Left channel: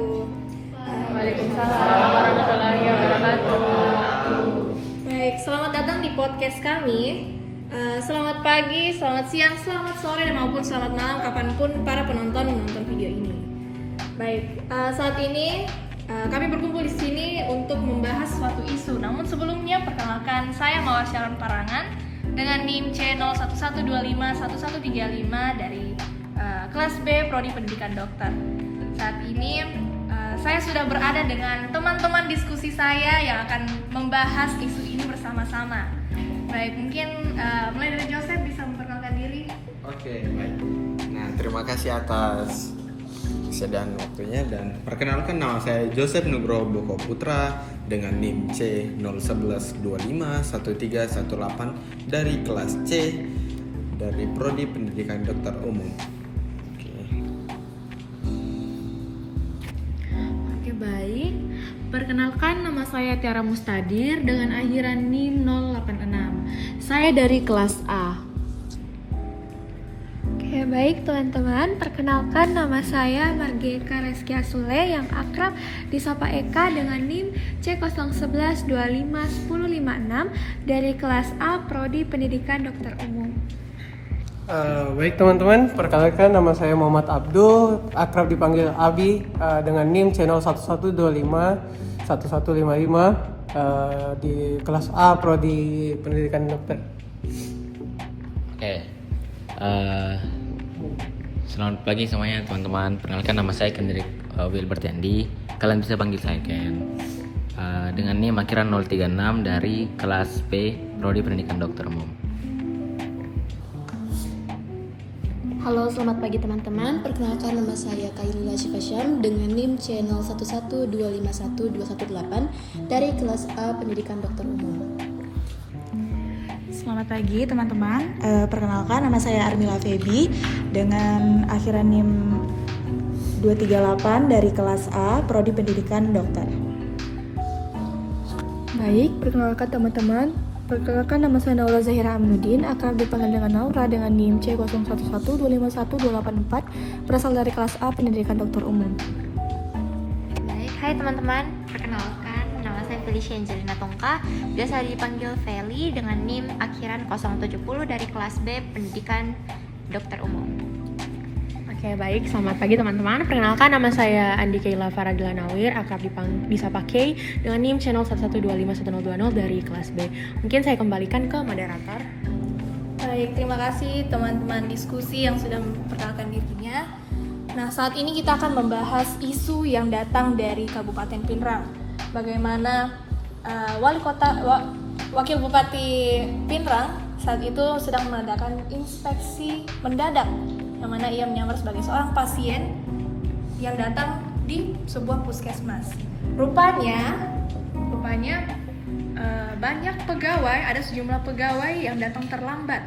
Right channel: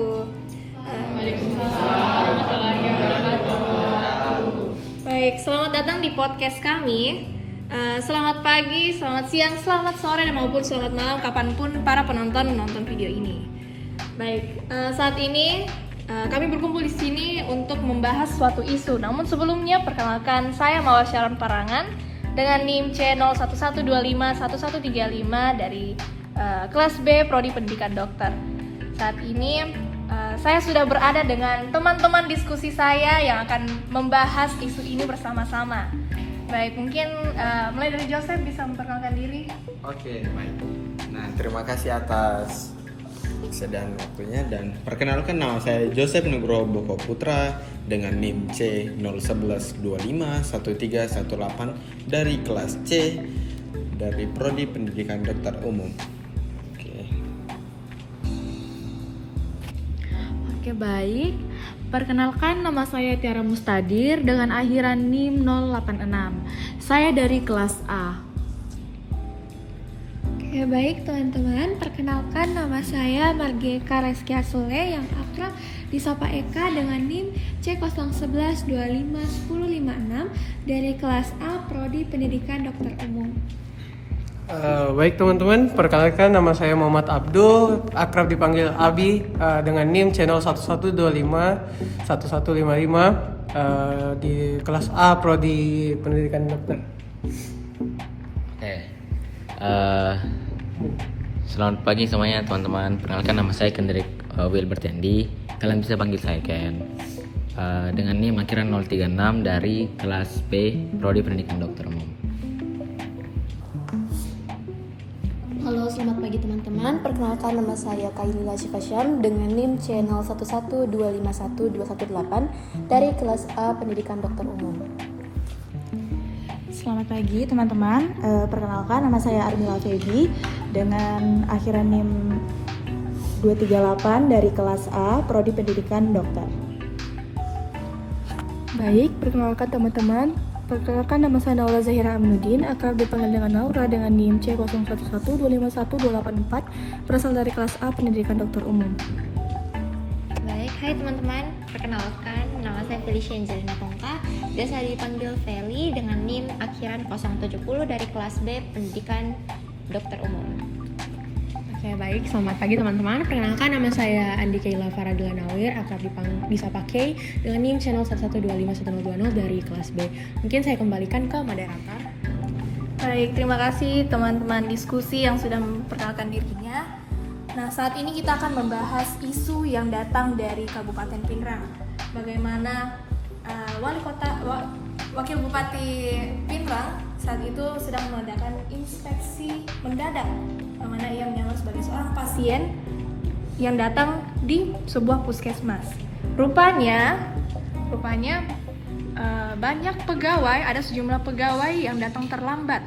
wabarakatuh. Waalaikumsalam warahmatullahi wabarakatuh. Baik, selamat datang di podcast kami. Selamat pagi, selamat siang, selamat sore, dan maupun selamat malam kapanpun para penonton menonton video ini. Baik, saat ini kami berkumpul di sini untuk membahas suatu isu. Namun sebelumnya perkenalkan, saya Mawar Syaron Parangan dengan NIM C01251135 dari kelas B Prodi Pendidikan Dokter. Saat ini saya sudah berada dengan teman-teman diskusi saya yang akan membahas isu ini bersama-sama. Baik, mungkin mulai dari Joseph bisa memperkenalkan diri. Oke, baik. Nah, terima kasih atas kesediaan waktunya dan perkenalkan, nama saya Joseph Nugroho Boko Putra dengan NIM C0112513118 dari kelas C dari Prodi Pendidikan Dokter Umum. Oke, baik. Perkenalkan, nama saya Tiara Mustadir dengan akhiran NIM 086. Saya dari kelas A. Ya baik teman-teman, perkenalkan nama saya Margeka Reskia Sule yang akrab disapa Eka dengan NIM C01125106 dari kelas A Prodi Pendidikan Dokter Umum. Baik teman-teman, perkenalkan nama saya Muhammad Abdul, akrab dipanggil Abi, dengan NIM channel 11251155 di kelas A Prodi Pendidikan Dokter. Oke. Selamat pagi semuanya teman-teman. Perkenalkan, nama saya Kendrick Wilbert Yandi. Kalian bisa panggil saya Ken. Dengan NIM akhiran 036 dari kelas B Prodi Pendidikan Dokter Umum. Halo, selamat pagi teman-teman. Perkenalkan, nama saya Kailila Syifasham dengan NIM C01251218 dari kelas A Pendidikan Dokter Umum. Selamat pagi teman-teman. Perkenalkan, nama saya Armila Febi dengan akhiran NIM 238 dari kelas A Prodi Pendidikan Dokter. Baik, perkenalkan teman-teman. Perkenalkan, nama saya Naula Zahira Aminuddin, akrab dipanggil dengan Naura dengan NIM C01125124, berasal dari kelas A Pendidikan Dokter Umum. Baik, hai teman-teman. Perkenalkan, nama saya Felicia Angelina Tongka, biasa dipanggil Feli dengan NIM akhiran 070 dari kelas B Pendidikan Dokter Umum. Oke, baik, selamat pagi teman-teman. Perkenalkan, nama saya Andi Kaila Faradila Nawir, akrab disapa Kay dengan NIM channel 11251020 dari kelas B. Mungkin saya kembalikan ke moderator. Baik, terima kasih teman-teman diskusi yang sudah memperkenalkan dirinya. Nah, saat ini kita akan membahas isu yang datang dari Kabupaten Pinrang. Bagaimana Wakil Bupati Pinrang saat itu sedang mengadakan inspeksi mendadak, yang mana ia menyamar sebagai seorang pasien yang datang di sebuah puskesmas. Rupanya banyak pegawai, ada sejumlah pegawai yang datang terlambat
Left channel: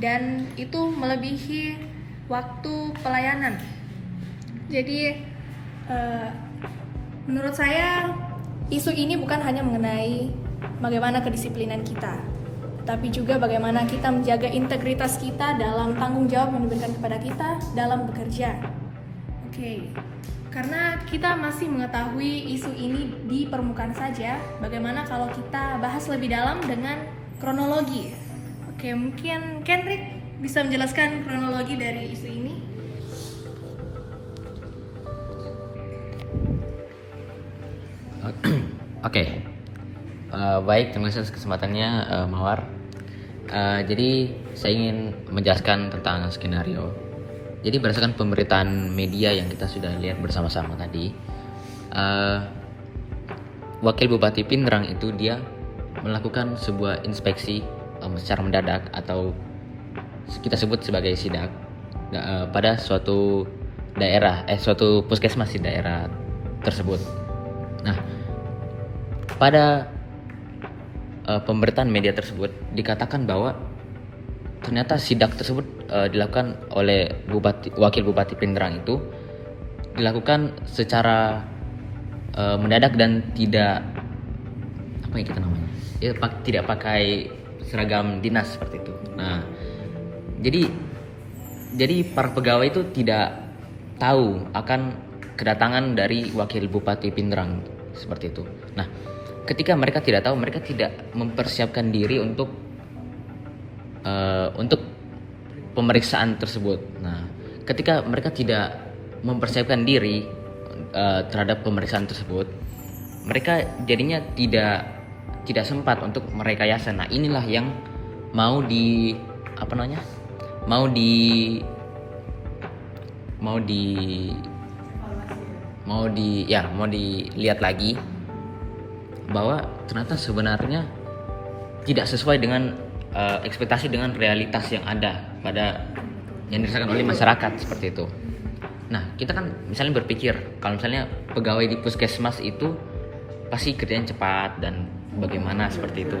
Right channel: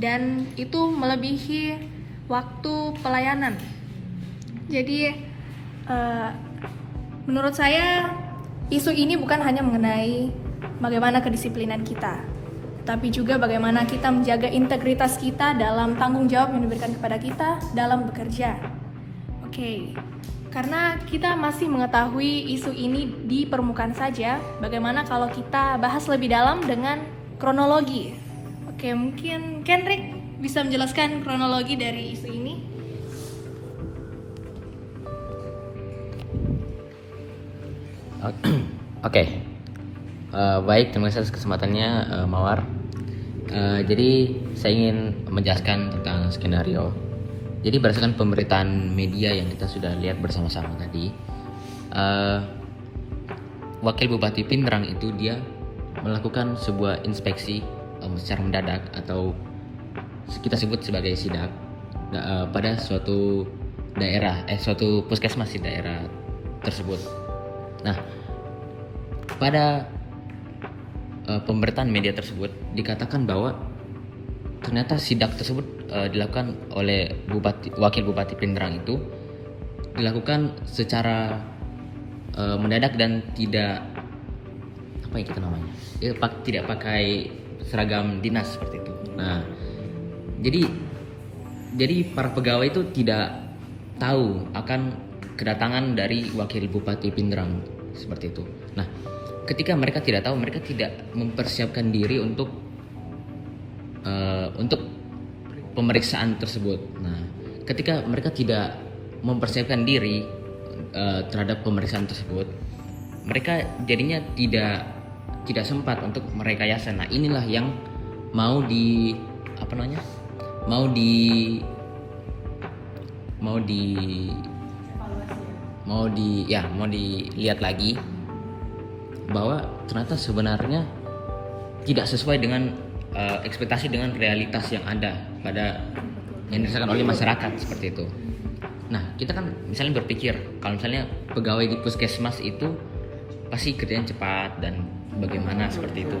dan itu melebihi waktu pelayanan. Jadi menurut saya isu ini bukan hanya mengenai bagaimana kedisiplinan kita, tapi juga bagaimana kita menjaga integritas kita dalam tanggung jawab yang diberikan kepada kita dalam bekerja. Oke, karena kita masih mengetahui isu ini di permukaan saja, bagaimana kalau kita bahas lebih dalam dengan kronologi? Oke, mungkin Kendrick bisa menjelaskan kronologi dari isu ini? Oke. Baik, terima kasih atas kesempatannya, Mawar. Jadi saya ingin menjelaskan tentang skenario. Jadi berdasarkan pemberitaan media yang kita sudah lihat bersama-sama tadi, Wakil Bupati Pinrang itu dia melakukan sebuah inspeksi secara mendadak atau kita sebut sebagai sidak pada suatu daerah, suatu puskesmas di daerah tersebut. Nah, pada pemberitaan media tersebut dikatakan bahwa ternyata sidak tersebut dilakukan oleh Wakil Bupati Pinrang itu dilakukan secara mendadak dan tidak tidak pakai seragam dinas seperti itu. Nah, jadi para pegawai itu tidak tahu akan kedatangan dari wakil Bupati Pindrang seperti itu. Nah, ketika mereka tidak tahu, mereka tidak mempersiapkan diri untuk pemeriksaan tersebut. Nah, ketika mereka tidak mempersiapkan diri terhadap pemeriksaan tersebut, mereka jadinya tidak sempat untuk merekayasa. Nah, inilah yang mau dilihat lagi, bahwa ternyata sebenarnya tidak sesuai dengan ekspektasi dengan realitas yang ada yang dirasakan oleh masyarakat seperti itu. Nah, kita kan misalnya berpikir kalau misalnya pegawai di puskesmas itu pasti kerjanya cepat dan bagaimana seperti itu.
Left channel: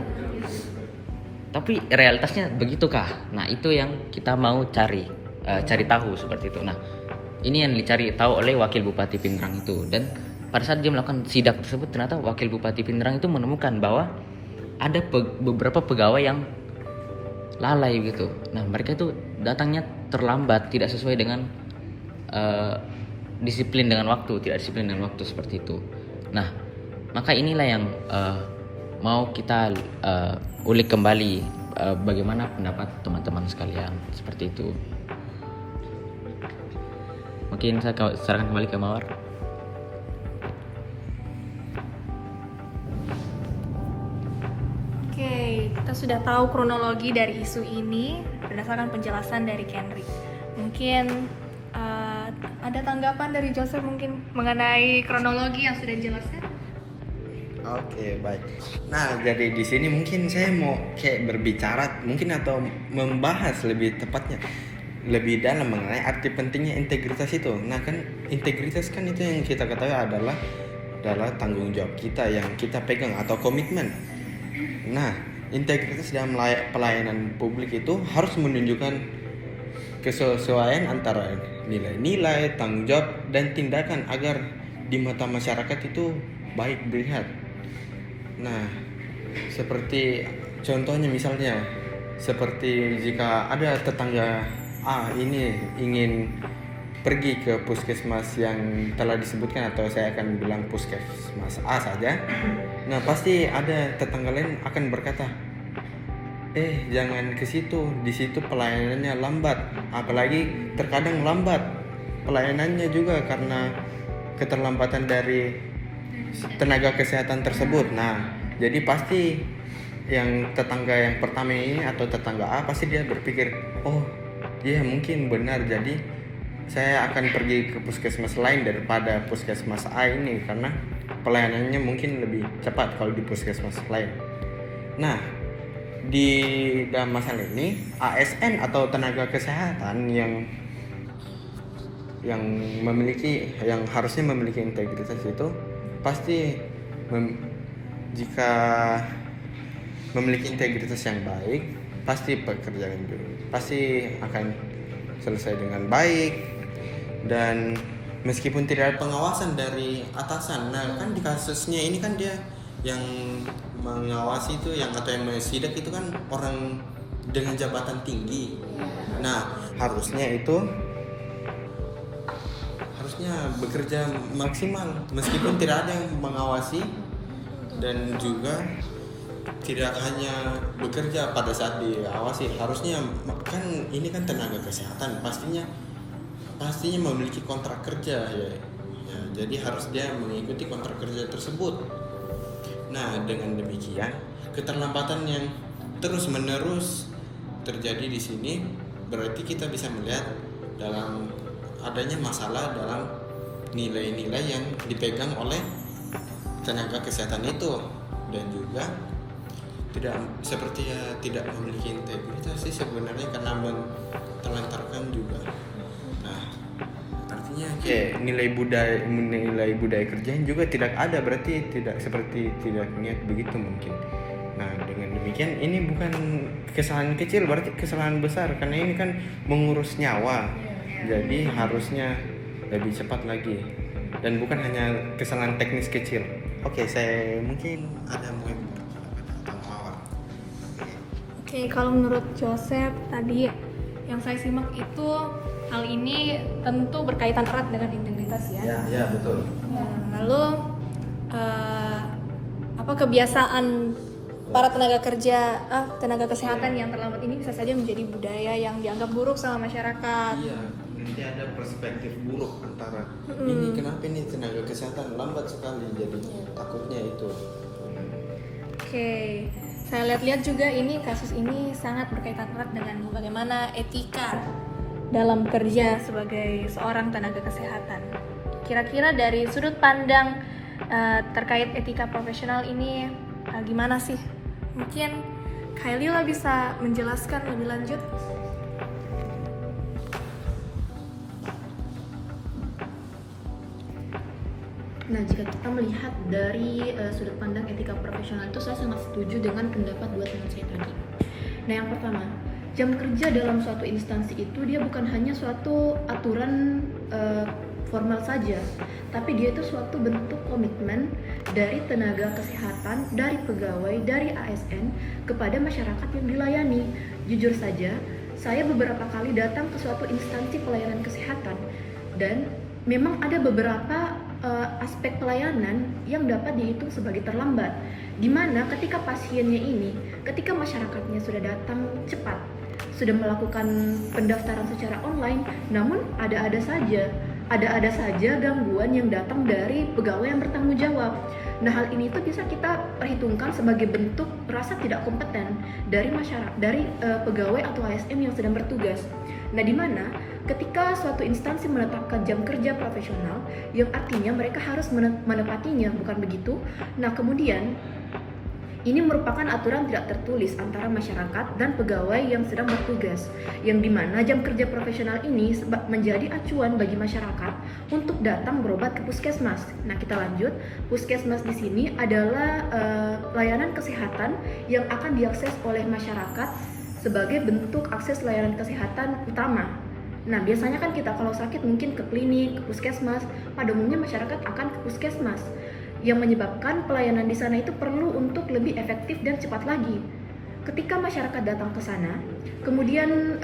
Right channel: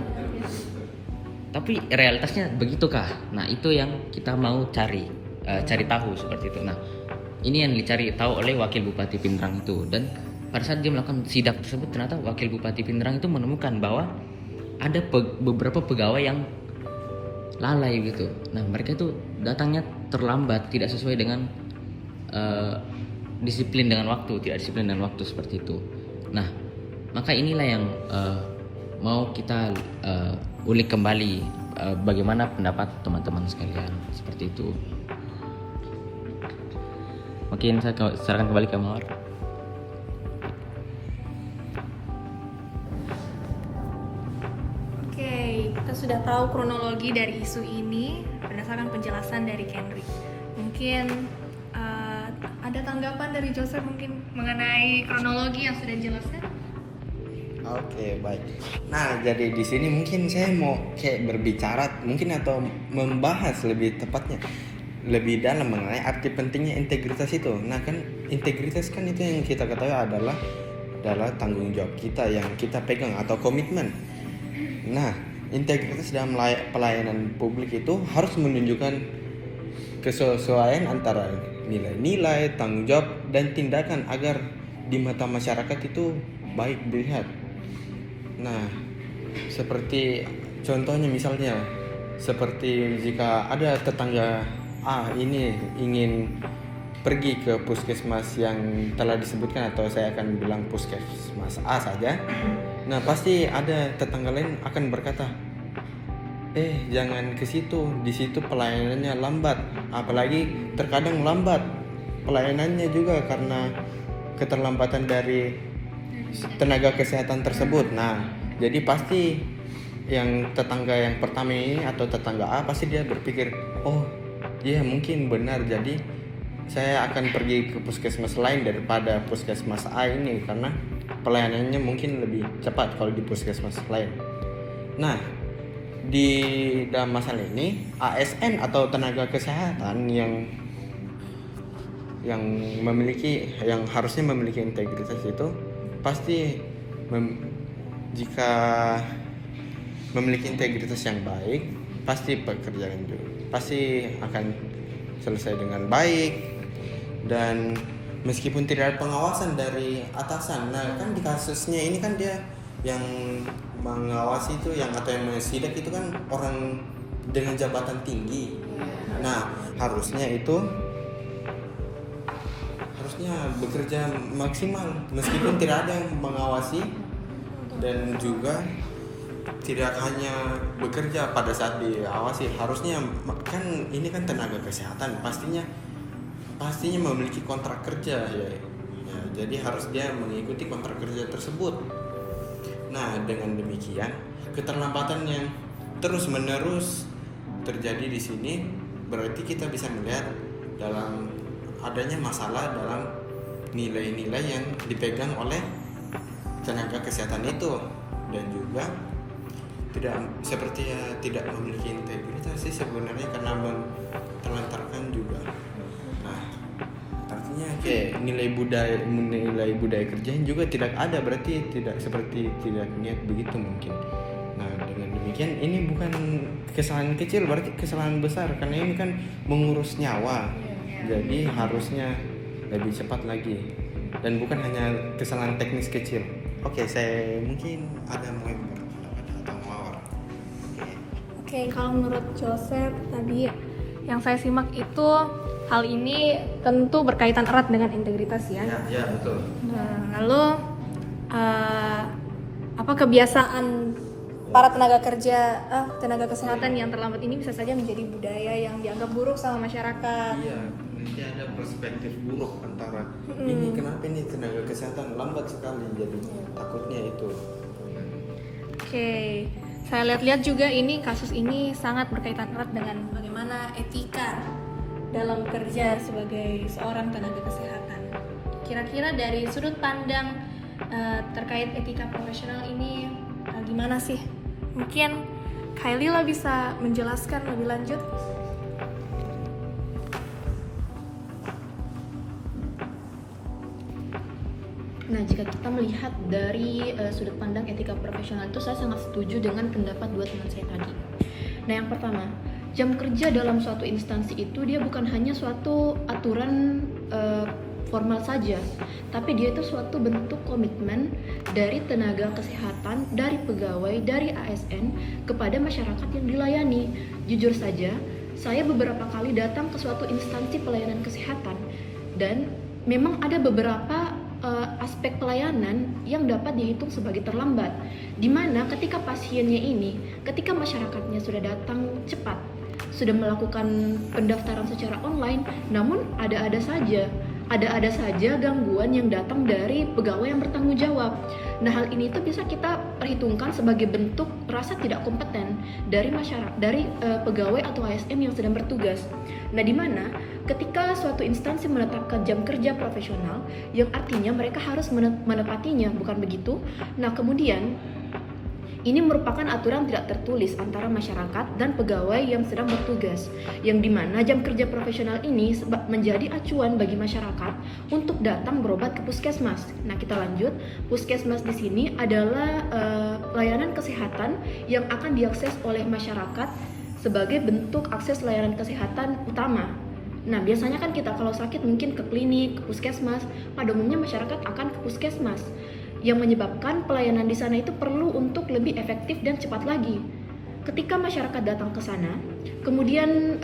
Tapi realitasnya begitukah? Nah, itu yang kita mau cari tahu seperti itu. Nah, ini yang dicari tahu oleh wakil Bupati Pindrang itu. Dan pada saat dia melakukan sidak tersebut, ternyata wakil Bupati Pindrang itu menemukan bahwa ada beberapa pegawai yang lalai gitu. Nah, mereka itu datangnya terlambat, tidak sesuai dengan disiplin dengan waktu seperti itu. Nah, maka inilah yang mau kita ulik kembali, bagaimana pendapat teman-teman sekalian seperti itu. Mungkin saya serahkan kembali ke Mawar. Oke, kita sudah tahu kronologi dari isu ini berdasarkan penjelasan dari Henry. Mungkin ada tanggapan dari Joseph mungkin mengenai kronologi yang sudah dijelaskan? Oke, baik. Nah, jadi di sini mungkin saya mau kayak berbicara mungkin atau membahas lebih tepatnya lebih dalam mengenai arti pentingnya integritas itu. Nah, kan integritas kan itu yang kita ketahui adalah tanggung jawab kita yang kita pegang atau komitmen. Nah, integritas dalam pelayanan publik itu harus menunjukkan kesesuaian antara nilai-nilai, tanggung jawab, dan tindakan agar di mata masyarakat itu baik dilihat. Nah, seperti contohnya misalnya, seperti jika ada tetangga A ini ingin pergi ke puskesmas yang telah disebutkan, atau saya akan bilang puskesmas A saja. Nah, pasti ada tetangga lain akan berkata, jangan ke situ, di situ pelayanannya lambat. Apalagi terkadang lambat pelayanannya juga karena keterlambatan dari tenaga kesehatan tersebut. Nah, jadi pasti yang tetangga yang pertama ini atau tetangga A pasti dia berpikir, oh iya mungkin benar, jadi saya akan pergi ke puskesmas lain daripada puskesmas A ini karena pelayanannya mungkin lebih cepat kalau di puskesmas lain. Nah, di dalam masalah ini ASN atau tenaga kesehatan yang harusnya memiliki integritas itu pasti jika memiliki integritas yang baik, pasti pekerjaan itu pasti akan selesai dengan baik, dan meskipun tidak ada pengawasan dari atasan. Nah, kan di kasusnya ini kan dia yang mengawasi itu atau yang mensidak itu kan orang dengan jabatan tinggi. Nah, harusnya bekerja maksimal meskipun tidak ada yang mengawasi, dan juga tidak hanya bekerja pada saat diawasi. Harusnya kan ini kan tenaga kesehatan, pastinya memiliki kontrak kerja ya, jadi harus dia mengikuti kontrak kerja tersebut. Nah, dengan demikian keterlambatan yang terus-menerus terjadi di sini berarti kita bisa melihat dalam adanya masalah dalam nilai-nilai yang dipegang oleh tenaga kesehatan itu, dan juga tidak memiliki integritas sih sebenarnya karena terlantarkan juga. Nah, artinya nilai budaya kerjanya juga tidak ada, berarti tidak niat begitu mungkin. Nah, dengan demikian ini bukan kesalahan kecil, berarti kesalahan besar karena ini kan mengurus nyawa. Jadi harusnya lebih cepat lagi, dan bukan hanya kesalahan teknis kecil. Oke, saya mungkin ada Oke, kalau menurut Joseph tadi yang saya simak itu hal ini tentu berkaitan erat dengan integritas ya. Ya betul. Lalu apa kebiasaan para tenaga kerja, tenaga kesehatan yang terlambat ini bisa saja menjadi budaya yang dianggap buruk sama masyarakat. Iya, nanti ada perspektif buruk antara ini kenapa ini tenaga kesehatan lambat sekali, jadi takutnya itu. Oke, saya lihat-lihat juga ini kasus ini sangat berkaitan erat dengan bagaimana etika dalam kerja sebagai seorang tenaga kesehatan. Kira-kira dari sudut pandang terkait etika profesional ini gimana sih? Mungkin Kailila bisa menjelaskan lebih lanjut. Nah, jika kita melihat dari sudut pandang etika profesional itu, saya sangat setuju dengan pendapat dua teman saya tadi. Nah, yang pertama, jam kerja dalam suatu instansi itu dia bukan hanya suatu aturan formal saja, tapi dia itu suatu bentuk komitmen dari tenaga kesehatan, dari pegawai, dari ASN kepada masyarakat yang dilayani. Jujur saja, saya beberapa kali datang ke suatu instansi pelayanan kesehatan dan memang ada beberapa aspek pelayanan yang dapat dihitung sebagai terlambat, di mana ketika pasiennya ini, ketika masyarakatnya sudah datang cepat, sudah melakukan pendaftaran secara online, namun ada-ada saja gangguan yang datang dari pegawai yang bertanggung jawab. Nah, hal ini itu bisa kita perhitungkan sebagai bentuk rasa tidak kompeten dari masyarakat, dari pegawai atau ASN yang sedang bertugas. Nah, di mana ketika suatu instansi menetapkan jam kerja profesional, yang artinya mereka harus menepatinya, bukan begitu? Nah, kemudian ini merupakan aturan tidak tertulis antara masyarakat dan pegawai yang sedang bertugas, yang dimana jam kerja profesional ini menjadi acuan bagi masyarakat untuk datang berobat ke puskesmas. Nah, kita lanjut. Puskesmas di sini adalah layanan kesehatan yang akan diakses oleh masyarakat sebagai bentuk akses layanan kesehatan utama. Nah, biasanya kan kita kalau sakit mungkin ke klinik, ke puskesmas. Pada umumnya masyarakat akan ke puskesmas, yang menyebabkan pelayanan di sana itu perlu untuk lebih efektif dan cepat lagi. Ketika masyarakat datang ke sana, kemudian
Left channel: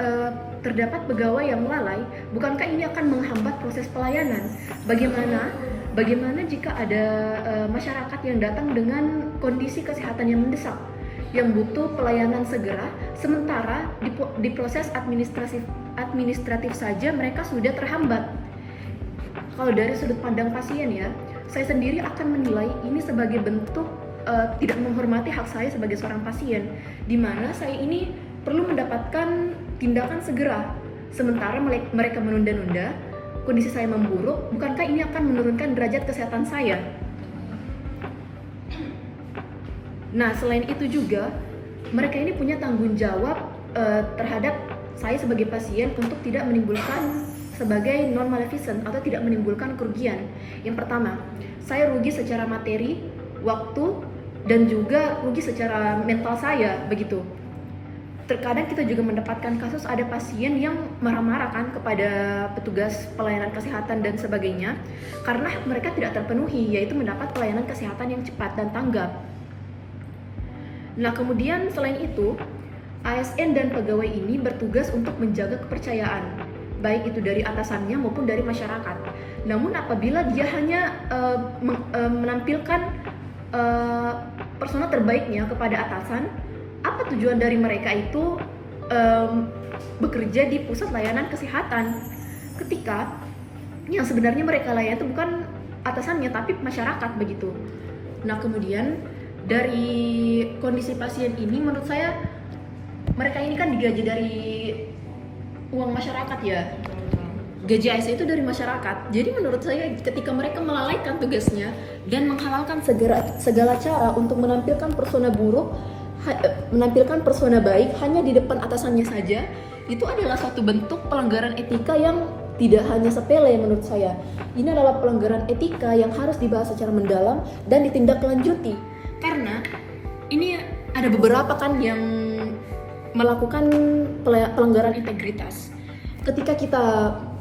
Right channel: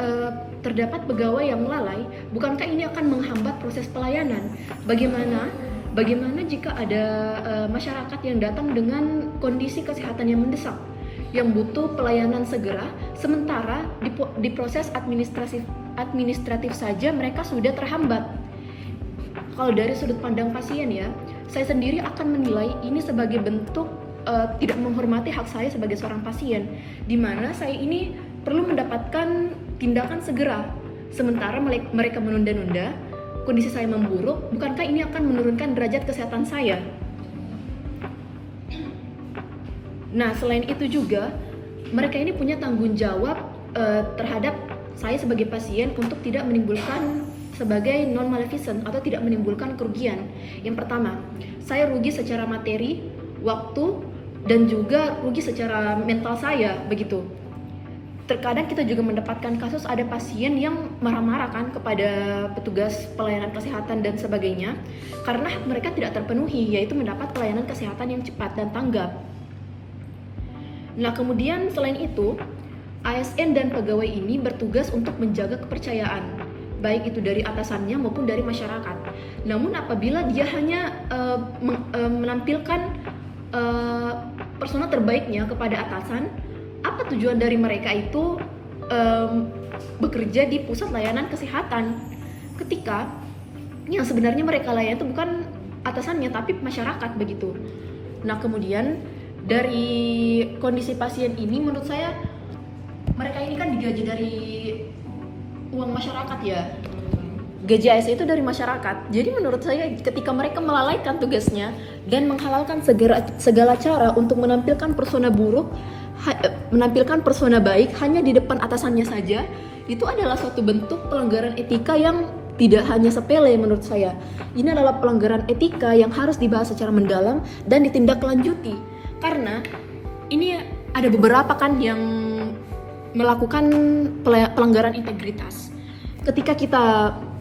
terdapat pegawai yang lalai, bukankah ini akan menghambat proses pelayanan? Bagaimana jika ada masyarakat yang datang dengan kondisi kesehatan yang mendesak, yang butuh pelayanan segera, sementara di proses administratif saja mereka sudah terhambat? Kalau dari sudut pandang pasien ya, saya sendiri akan menilai ini sebagai bentuk tidak menghormati hak saya sebagai seorang pasien, di mana saya ini perlu mendapatkan tindakan segera, sementara mereka menunda-nunda, kondisi saya memburuk. Bukankah ini akan menurunkan derajat kesehatan saya? Nah, selain itu juga mereka ini punya tanggung jawab terhadap saya sebagai pasien untuk tidak menimbulkan sebagai non-maleficent atau tidak menimbulkan kerugian. Yang pertama, saya rugi secara materi, waktu, dan juga rugi secara mental saya, begitu. Terkadang kita juga mendapatkan kasus ada pasien yang marah-marah kan kepada petugas pelayanan kesehatan dan sebagainya karena mereka tidak terpenuhi, yaitu mendapat pelayanan kesehatan yang cepat dan tanggap. Nah, kemudian selain itu, ASN dan pegawai ini bertugas untuk menjaga kepercayaan, baik itu dari atasannya maupun dari masyarakat. Namun apabila dia hanya menampilkan persona terbaiknya kepada atasan, apa tujuan dari mereka itu bekerja di pusat layanan kesehatan ketika yang sebenarnya mereka layani itu bukan atasannya tapi masyarakat, begitu. Nah, kemudian dari kondisi pasien ini menurut saya mereka ini kan digaji dari uang masyarakat ya, gaji ASN itu dari masyarakat. Jadi menurut saya ketika mereka melalaikan tugasnya dan menghalalkan segala cara untuk menampilkan persona buruk, menampilkan persona baik hanya di depan atasannya saja, itu adalah satu bentuk pelanggaran etika yang tidak hanya sepele menurut saya. Ini adalah pelanggaran etika yang harus dibahas secara mendalam dan ditindaklanjuti. Karena ini ada beberapa kan yang melakukan pelanggaran integritas. Ketika kita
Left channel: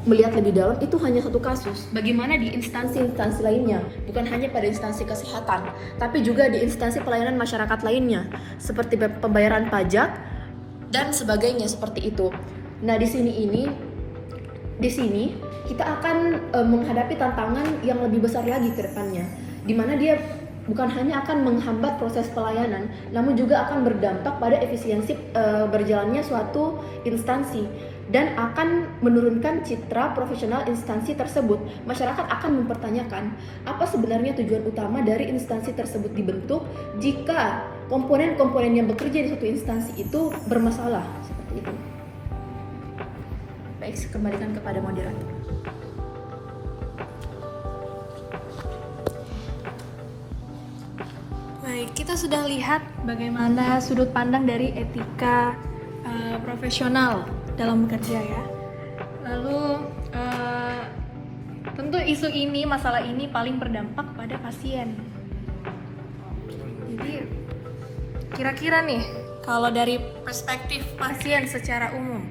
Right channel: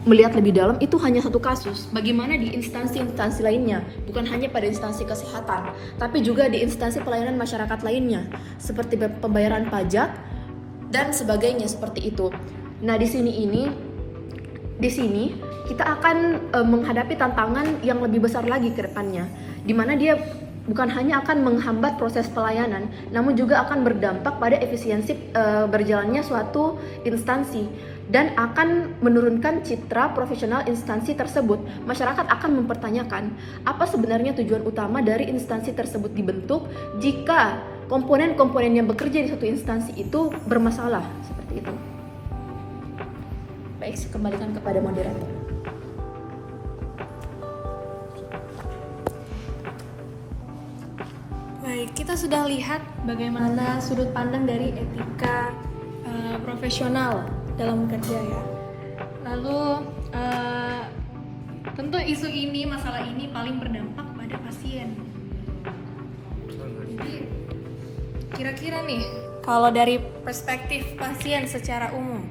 melihat lebih dalam, itu hanya satu kasus. Bagaimana di instansi-instansi lainnya, bukan hanya pada instansi kesehatan, tapi juga di instansi pelayanan masyarakat lainnya, seperti pembayaran pajak dan sebagainya seperti itu. Nah, di sini ini di sini kita akan menghadapi tantangan yang lebih besar lagi ke depannya, di mana dia bukan hanya akan menghambat proses pelayanan, namun juga akan berdampak pada efisiensi berjalannya suatu instansi dan akan menurunkan citra profesional instansi tersebut. Masyarakat akan mempertanyakan apa sebenarnya tujuan utama dari instansi tersebut dibentuk jika komponen-komponen yang bekerja di suatu instansi itu bermasalah, seperti itu. Baik, saya kembalikan kepada moderator. Baik, kita sudah lihat bagaimana sudut pandang dari etika profesional dalam bekerja ya. Lalu tentu isu ini, masalah ini paling berdampak pada pasien. Jadi kira-kira nih, kalau dari perspektif pasien secara umum,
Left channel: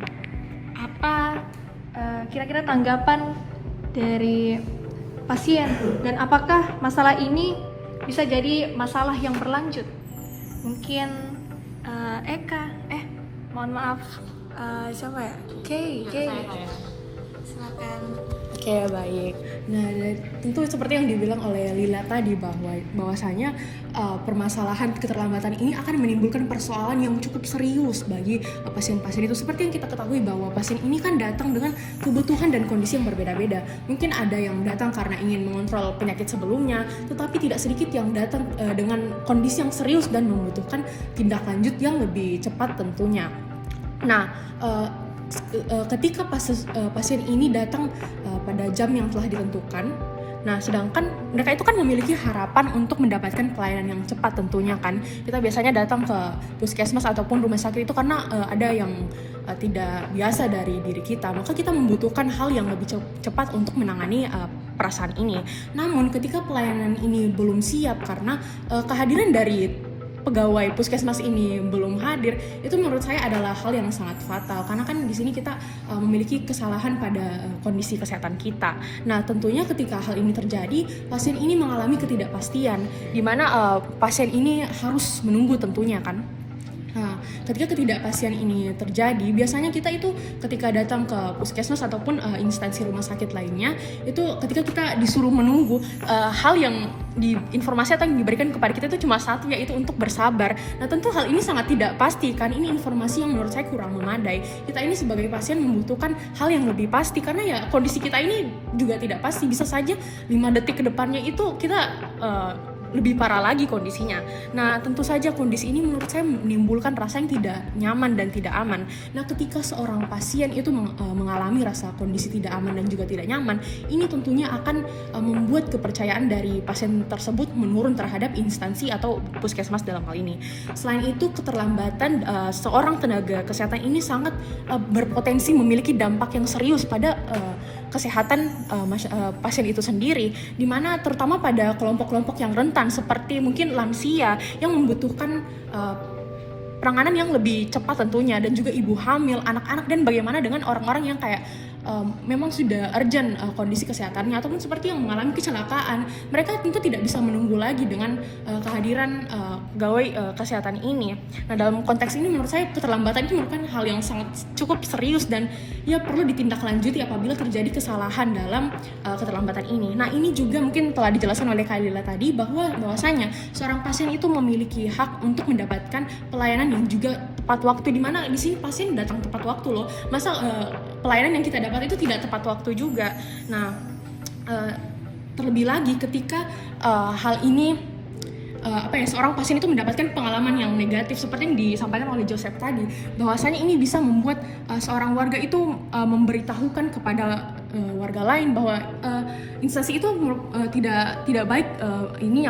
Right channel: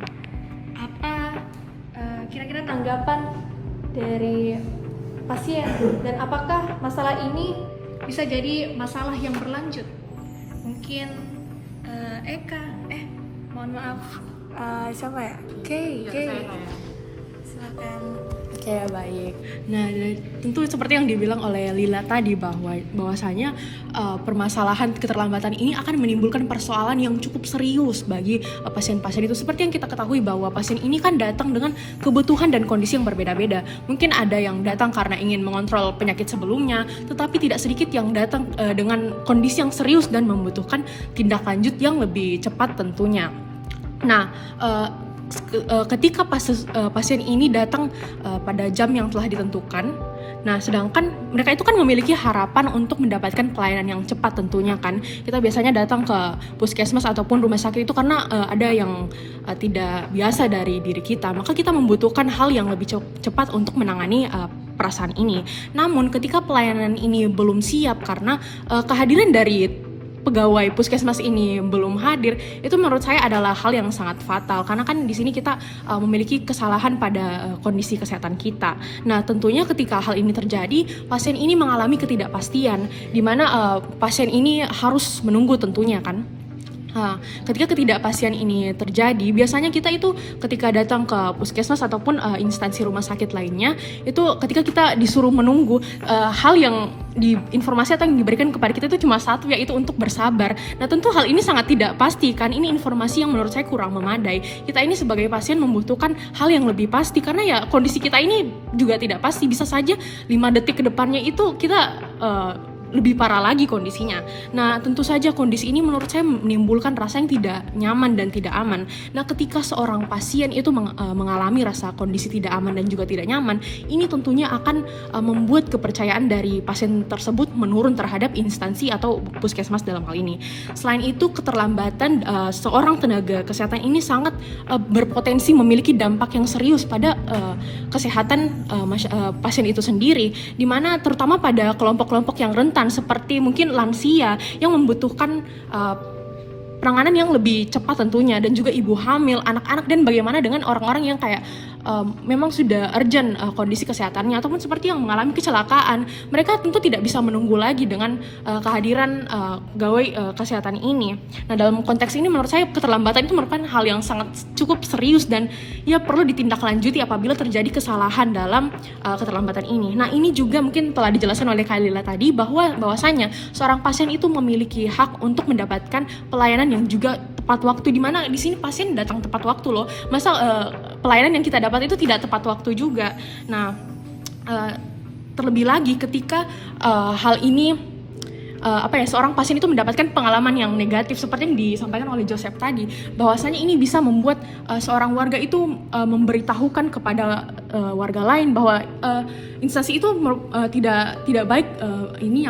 apa kira-kira tanggapan dari pasien dan apakah masalah ini bisa jadi masalah yang berlanjut? Mungkin Eka, mohon maaf, siapa ya? Oke, silakan. Oke, baik. Nah, tentu seperti yang dibilang oleh Lila tadi bahwasanya permasalahan keterlambatan ini akan menimbulkan persoalan yang cukup serius bagi pasien-pasien itu. Seperti yang kita ketahui bahwa pasien ini kan datang dengan kebutuhan dan kondisi yang berbeda-beda. Mungkin ada yang datang karena ingin mengontrol penyakit sebelumnya, tetapi tidak sedikit yang datang dengan kondisi yang serius dan membutuhkan tindak lanjut yang lebih cepat tentunya. Nah, ketika pasien ini datang pada jam yang telah ditentukan, nah sedangkan mereka itu kan memiliki harapan untuk mendapatkan pelayanan yang cepat tentunya kan. Kita biasanya datang ke puskesmas ataupun rumah sakit itu karena ada yang tidak biasa dari diri kita, maka kita membutuhkan hal yang lebih cepat untuk menangani perasaan ini. Namun ketika pelayanan ini belum siap karena kehadiran dari pegawai puskesmas ini belum hadir, itu menurut saya adalah hal yang sangat fatal karena kan di sini kita memiliki kesalahan pada kondisi kesehatan kita. Nah, tentunya ketika hal ini terjadi, pasien ini mengalami ketidakpastian di mana pasien ini harus menunggu tentunya kan. Nah, ketika ketidakpastian ini terjadi, biasanya kita itu ketika datang ke puskesmas ataupun instansi rumah sakit lainnya, itu ketika kita disuruh menunggu, hal yang informasi yang diberikan kepada kita itu cuma satu, yaitu untuk bersabar. Nah, tentu hal ini sangat tidak pasti kan, ini informasi yang menurut saya kurang memadai. Kita ini sebagai pasien membutuhkan hal yang lebih pasti karena ya kondisi kita ini juga tidak pasti, bisa saja 5 detik ke depannya itu kita lebih parah lagi kondisinya. Nah, tentu saja kondisi ini menurut saya menimbulkan rasa yang tidak nyaman dan tidak aman. Nah, ketika seorang pasien itu mengalami rasa kondisi tidak aman dan juga tidak nyaman, ini tentunya akan membuat kepercayaan dari pasien tersebut menurun terhadap instansi atau puskesmas dalam hal ini. Selain itu, keterlambatan seorang tenaga kesehatan ini sangat berpotensi memiliki dampak yang serius pada kesehatan pasien itu sendiri, di mana terutama pada kelompok-kelompok yang rentan seperti mungkin lansia yang membutuhkan penanganan yang lebih cepat tentunya, dan juga ibu hamil, anak-anak, dan bagaimana dengan orang-orang yang kayak memang sudah urgent kondisi kesehatannya ataupun seperti yang mengalami kecelakaan. Mereka tentu tidak bisa menunggu lagi dengan kehadiran pegawai kesehatan ini. Nah, dalam konteks ini menurut saya keterlambatan itu merupakan hal yang sangat cukup serius dan ya perlu ditindaklanjuti apabila terjadi kesalahan dalam keterlambatan ini. Nah, ini juga mungkin telah dijelaskan oleh Kak Lila tadi bahwasanya seorang pasien itu memiliki hak untuk mendapatkan pelayanan yang juga tepat waktu, di mana di sini pasien datang tepat waktu loh. Masa pelayanan yang kita dapat itu tidak tepat waktu juga. Nah, terlebih lagi ketika hal ini seorang pasien itu mendapatkan pengalaman yang negatif seperti yang disampaikan oleh Joseph tadi, bahwasanya ini bisa membuat seorang warga itu memberitahukan kepada warga lain bahwa instansi itu tidak baik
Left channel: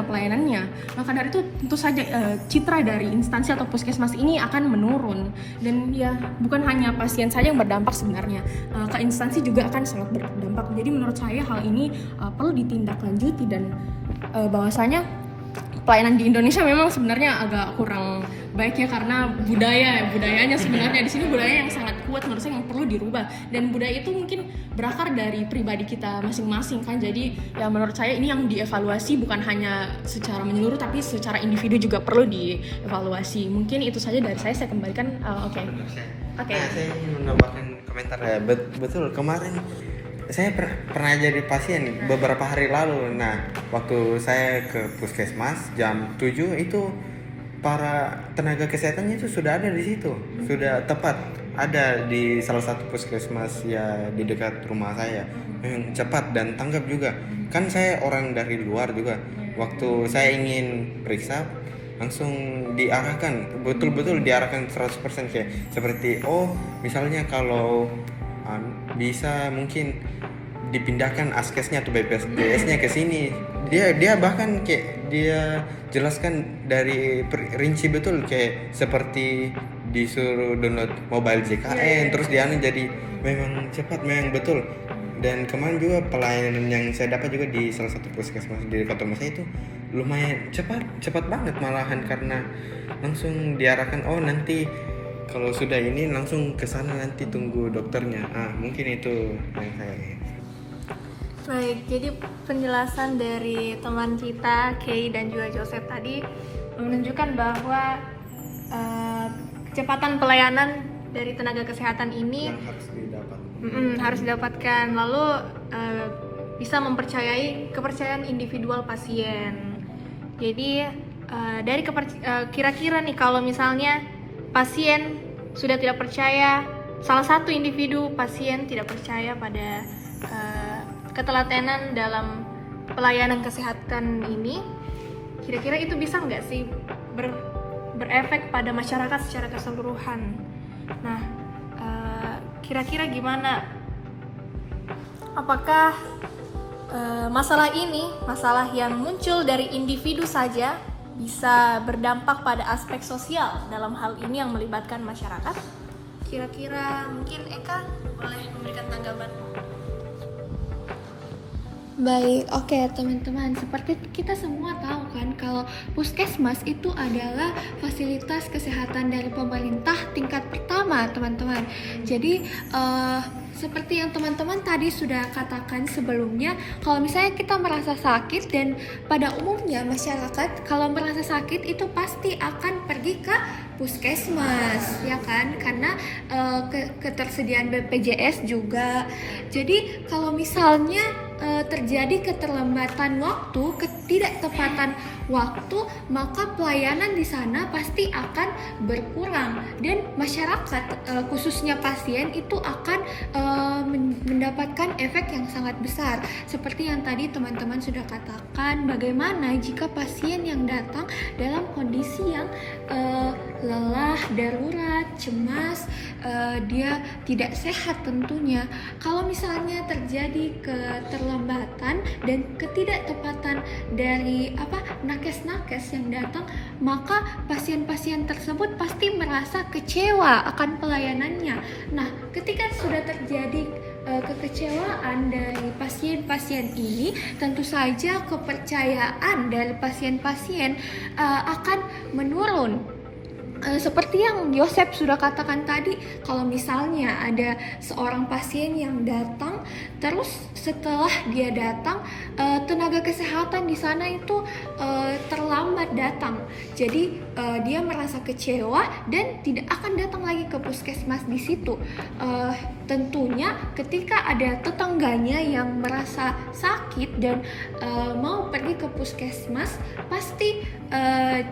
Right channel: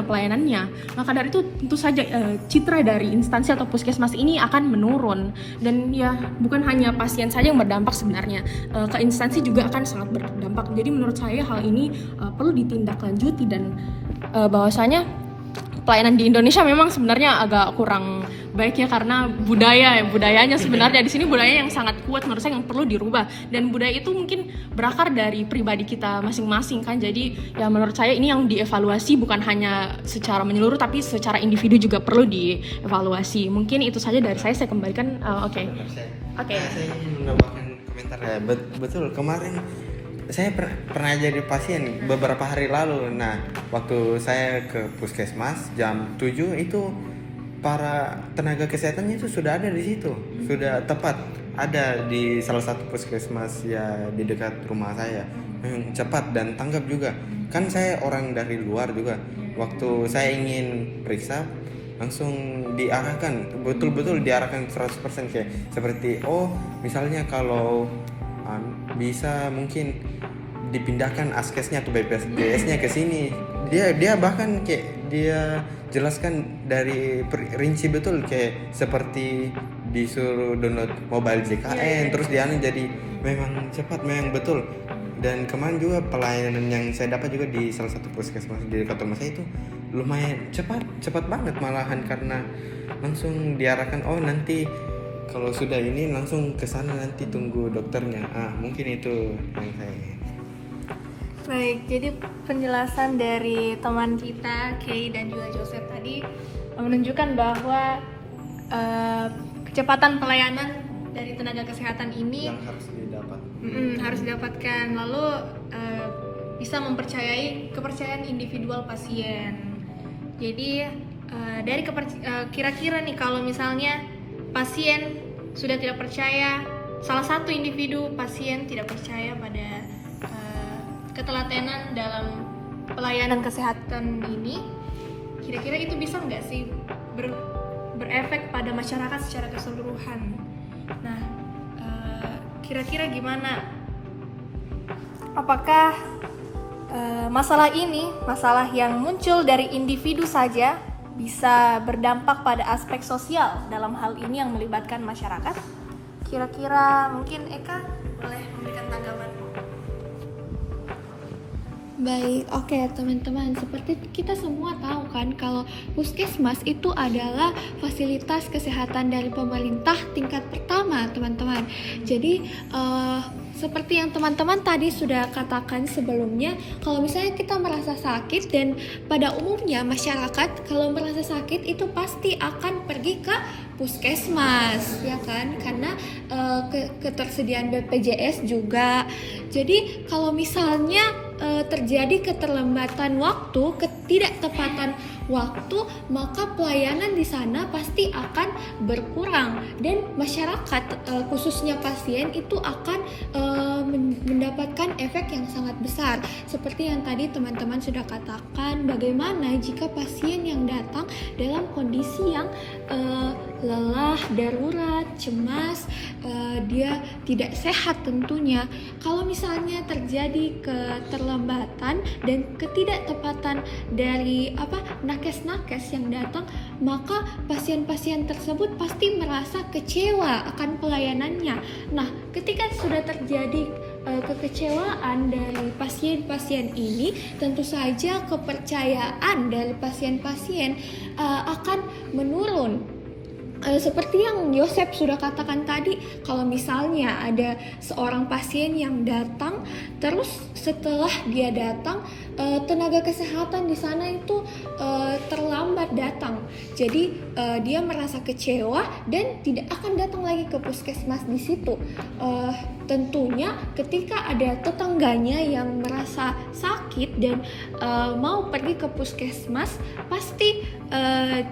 pelayanannya. Maka dari itu tentu saja citra dari instansi atau puskesmas ini akan menurun, dan ya bukan hanya pasien saja yang berdampak sebenarnya, ke instansi juga akan sangat berdampak. Jadi menurut saya hal ini perlu ditindaklanjuti, dan bahwasanya pelayanan di Indonesia memang sebenarnya agak kurang baik ya, karena budayanya sebenarnya di sini budaya yang sangat kuat menurut saya yang perlu dirubah, dan budaya itu mungkin berakar dari pribadi kita masing-masing kan. Jadi ya, menurut saya ini yang dievaluasi bukan hanya secara menyeluruh tapi secara individu juga perlu dievaluasi. Mungkin itu saja dari saya kembalikan. Oke. Saya ingin menambahkan komentar Komentar ya, betul kemarin saya pernah jadi pasien beberapa hari lalu. Nah, waktu saya ke puskesmas jam 7 itu para tenaga kesehatannya itu sudah ada di situ, sudah tepat ada di salah satu puskesmas ya di dekat rumah saya. Cepat dan tanggap juga. Kan saya orang dari luar juga. Waktu saya ingin periksa langsung diarahkan, betul-betul diarahkan 100% kayak seperti misalnya kalau bisa mungkin dipindahkan askesnya atau BPJS-nya ke sini. Dia bahkan kayak dia jelaskan dari rinci betul kayak seperti disuruh download mobile JKN terus dia jadi memang cepat, memang betul. Dan kemarin juga pelayanan yang saya dapat juga di salah satu puskesmas di dekat rumah saya itu lumayan cepat banget malahan, karena langsung diarahkan nanti kalau sudah ini langsung ke sana, nanti tunggu dokternya. Mungkin itu yang saya lihat. Baik, jadi penjelasan dari teman kita Kay dan juga Joseph tadi menunjukkan bahwa kecepatan pelayanan dari tenaga kesehatan ini Yang harus didapat. harus didapatkan, lalu bisa mempercayai kepercayaan individual pasien. Jadi dari kira-kira nih kalau misalnya pasien sudah tidak percaya, salah satu individu pasien tidak percaya pada ketelatenan dalam pelayanan kesehatan ini, kira-kira itu bisa nggak sih berefek pada masyarakat secara keseluruhan? Nah, kira-kira gimana? Apakah masalah ini, masalah yang muncul dari individu saja, bisa berdampak pada aspek sosial dalam hal ini yang melibatkan masyarakat? Kira-kira mungkin Eka boleh memberikan tanggapan? Baik, oke teman-teman, seperti kita semua tahu kan kalau puskesmas itu adalah fasilitas kesehatan dari pemerintah tingkat pertama, teman-teman. Jadi seperti yang teman-teman tadi sudah katakan sebelumnya, kalau misalnya kita merasa sakit, dan pada umumnya masyarakat kalau merasa sakit itu pasti akan pergi ke puskesmas, ya kan? Karena ketersediaan BPJS juga. Jadi kalau misalnya terjadi keterlambatan waktu, ketidaktepatan waktu, maka pelayanan di sana pasti akan berkurang, dan masyarakat khususnya pasien itu akan mendapatkan efek yang sangat besar. Seperti yang tadi teman-teman sudah katakan, bagaimana jika pasien yang datang dalam kondisi yang lelah, darurat, cemas, dia tidak sehat tentunya. Kalau misalnya terjadi keterlambatan dan ketidaktepatan dari nakes-nakes yang datang, maka pasien-pasien tersebut pasti merasa kecewa akan pelayanannya. Nah, ketika sudah terjadi kekecewaan dari pasien-pasien ini, tentu saja kepercayaan dari pasien-pasien akan menurun. Seperti yang Yosep sudah katakan tadi, kalau misalnya ada seorang pasien yang datang, terus setelah dia datang, tenaga kesehatan di sana itu terlambat datang. Jadi dia merasa kecewa dan tidak akan datang lagi ke puskesmas di situ. Tentunya ketika ada tetangganya yang merasa sakit dan mau pergi ke puskesmas, pasti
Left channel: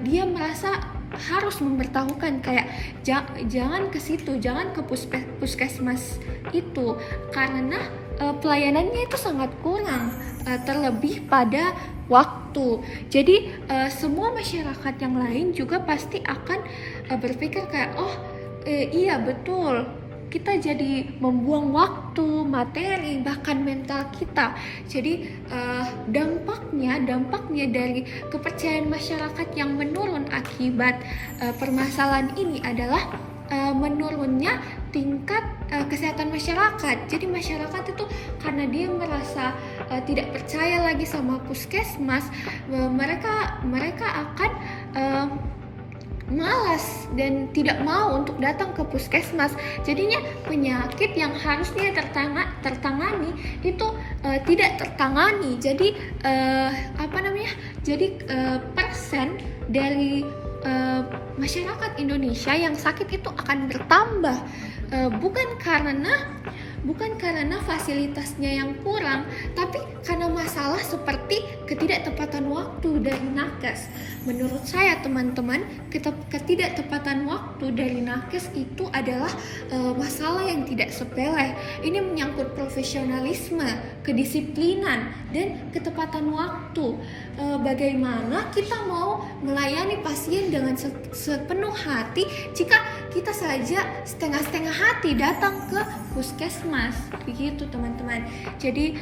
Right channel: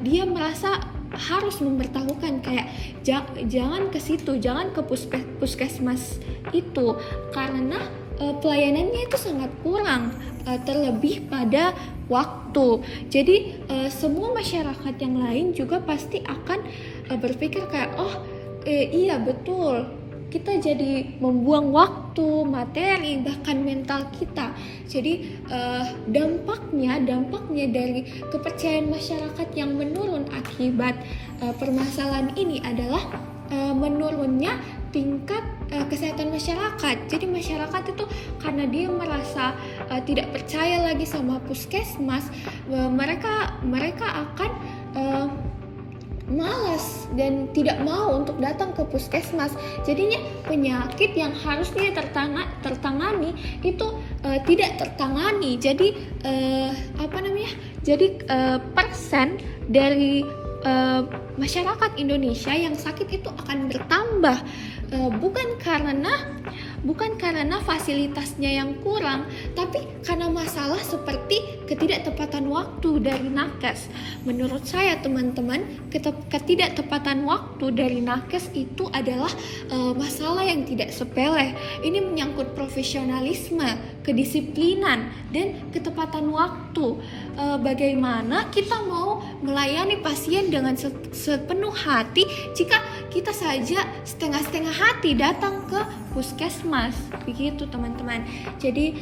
dia merasa harus memberitahukan kayak jangan ke situ, jangan ke puskesmas itu, karena pelayanannya itu sangat kurang, terlebih pada waktu. Jadi semua masyarakat yang lain juga pasti akan berpikir kayak iya betul, kita jadi membuang waktu, materi, bahkan mental kita. Jadi dampaknya dari kepercayaan masyarakat yang menurun akibat permasalahan ini adalah menurunnya tingkat kesehatan masyarakat. Jadi masyarakat itu karena dia merasa tidak percaya lagi sama puskesmas, mereka akan malas dan tidak mau untuk datang ke puskesmas. Jadinya penyakit yang harusnya tertangani itu tidak tertangani. Jadi persen dari masyarakat Indonesia yang sakit itu akan bertambah, bukan karena fasilitasnya yang kurang, tapi karena masalah seperti ketidaktepatan waktu dari nakes. Menurut saya teman-teman, ketidaktepatan waktu dari nakes itu adalah masalah yang tidak sepele. Ini menyangkut profesionalisme, kedisiplinan, dan ketepatan waktu. Bagaimana kita mau melayani pasien dengan sepenuh hati jika kita saja setengah-setengah hati datang ke puskesmas, begitu teman-teman. Jadi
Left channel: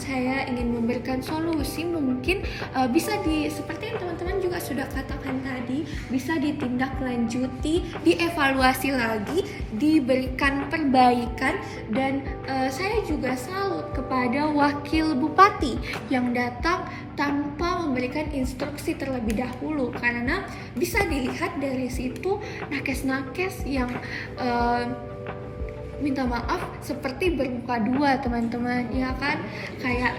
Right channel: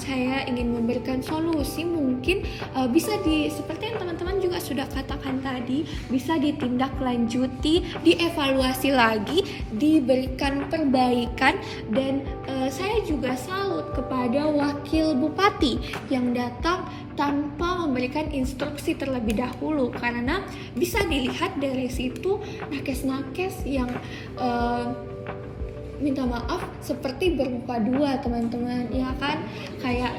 saya ingin memberikan solusi, mungkin bisa seperti yang teman-teman juga sudah katakan tadi, bisa ditindaklanjuti, dievaluasi lagi, diberikan perbaikan. Dan saya juga salut kepada wakil bupati yang datang tanpa memberikan instruksi terlebih dahulu, karena bisa dilihat dari situ nakes-nakes yang minta maaf seperti bermuka dua teman-teman, ya kan, kayak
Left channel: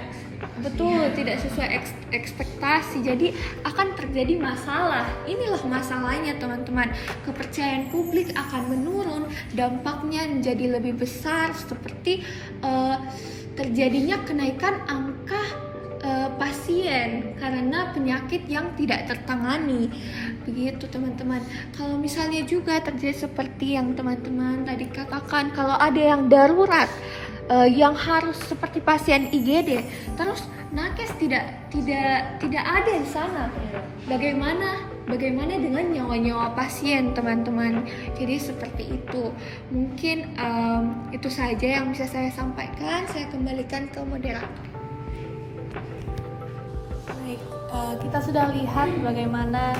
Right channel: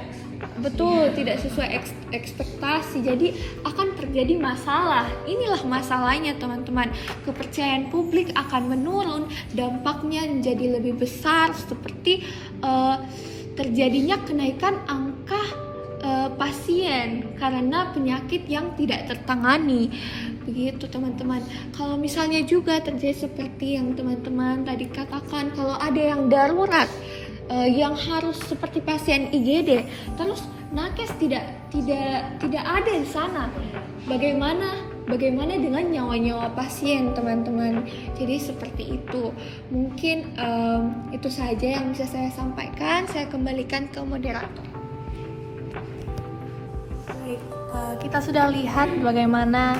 betul tidak sesuai ekspektasi, jadi akan terjadi masalah. Inilah masalahnya teman-teman, kepercayaan publik akan menurun, dampaknya menjadi lebih besar seperti terjadinya kenaikan angka pasien karena penyakit yang tidak tertangani, begitu teman-teman. Kalau misalnya juga terjadi seperti yang teman-teman tadi katakan, kalau ada yang darurat yang harus seperti pasien IGD, terus nakes tidak ada di sana, bagaimana dengan nyawa-nyawa pasien teman-teman. Jadi seperti itu. Mungkin itu saja yang bisa saya sampaikan. Saya kembalikan ke moderator. Baik, kita sudah lihat bagaimana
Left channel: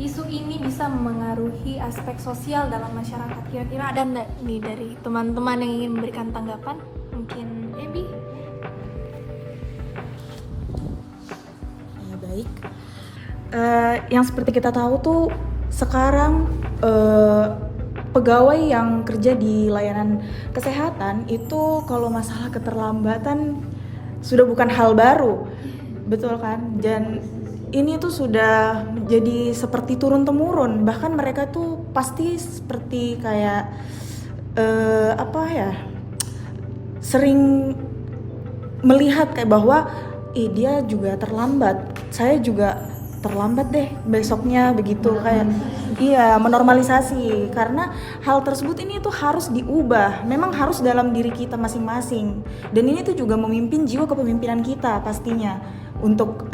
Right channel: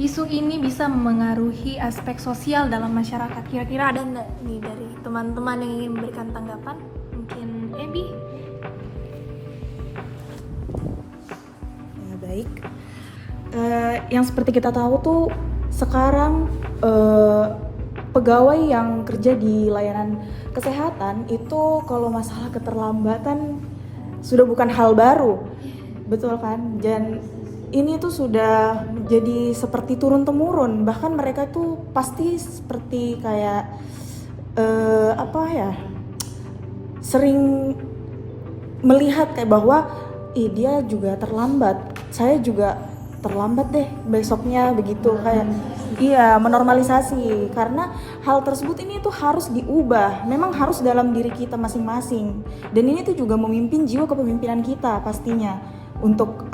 isu ini bisa memengaruhi aspek sosial dalam masyarakat. Kira-kira ada nggak nih dari teman-teman yang ingin memberikan tanggapan? Mungkin Ebi? Ya, baik. Yang seperti kita tahu tuh sekarang pegawai yang kerja di layanan kesehatan itu kalau masalah keterlambatan sudah bukan hal baru. Betul kan? Dan ini tuh sudah menjadi seperti turun-temurun. Bahkan mereka tuh pasti seperti kayak sering melihat kayak bahwa dia juga terlambat, saya juga terlambat deh besoknya, begitu kayak menormalisasi. Karena hal tersebut ini tuh harus diubah, memang harus dalam diri kita masing-masing. Dan ini tuh juga memimpin jiwa kepemimpinan kita pastinya, untuk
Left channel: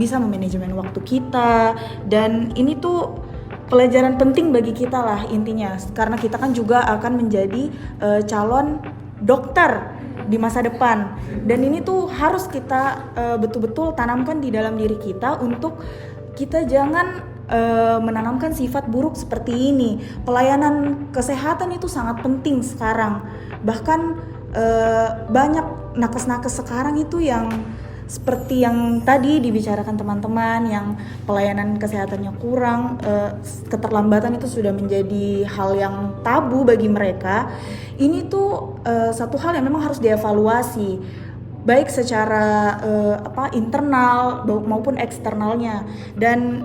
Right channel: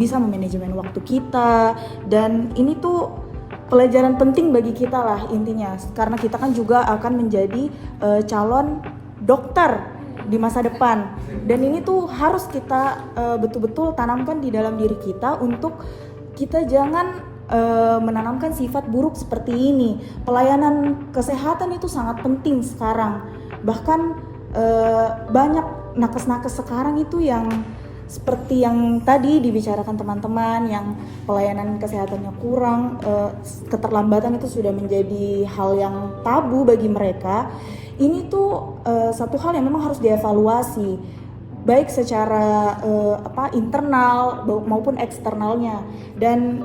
bisa memanajemen waktu kita. Dan ini tuh pelajaran penting bagi kita lah intinya, karena kita kan juga akan menjadi calon dokter di masa depan. Dan ini tuh harus kita betul-betul tanamkan di dalam diri kita, untuk kita jangan menanamkan sifat buruk seperti ini. Pelayanan kesehatan itu sangat penting sekarang. Bahkan banyak nakes-nakes sekarang itu yang seperti yang tadi dibicarakan teman-teman, yang pelayanan kesehatannya kurang, keterlambatan itu sudah menjadi hal yang tabu bagi mereka. Ini tuh satu hal yang memang harus dievaluasi, baik secara internal maupun eksternalnya. Dan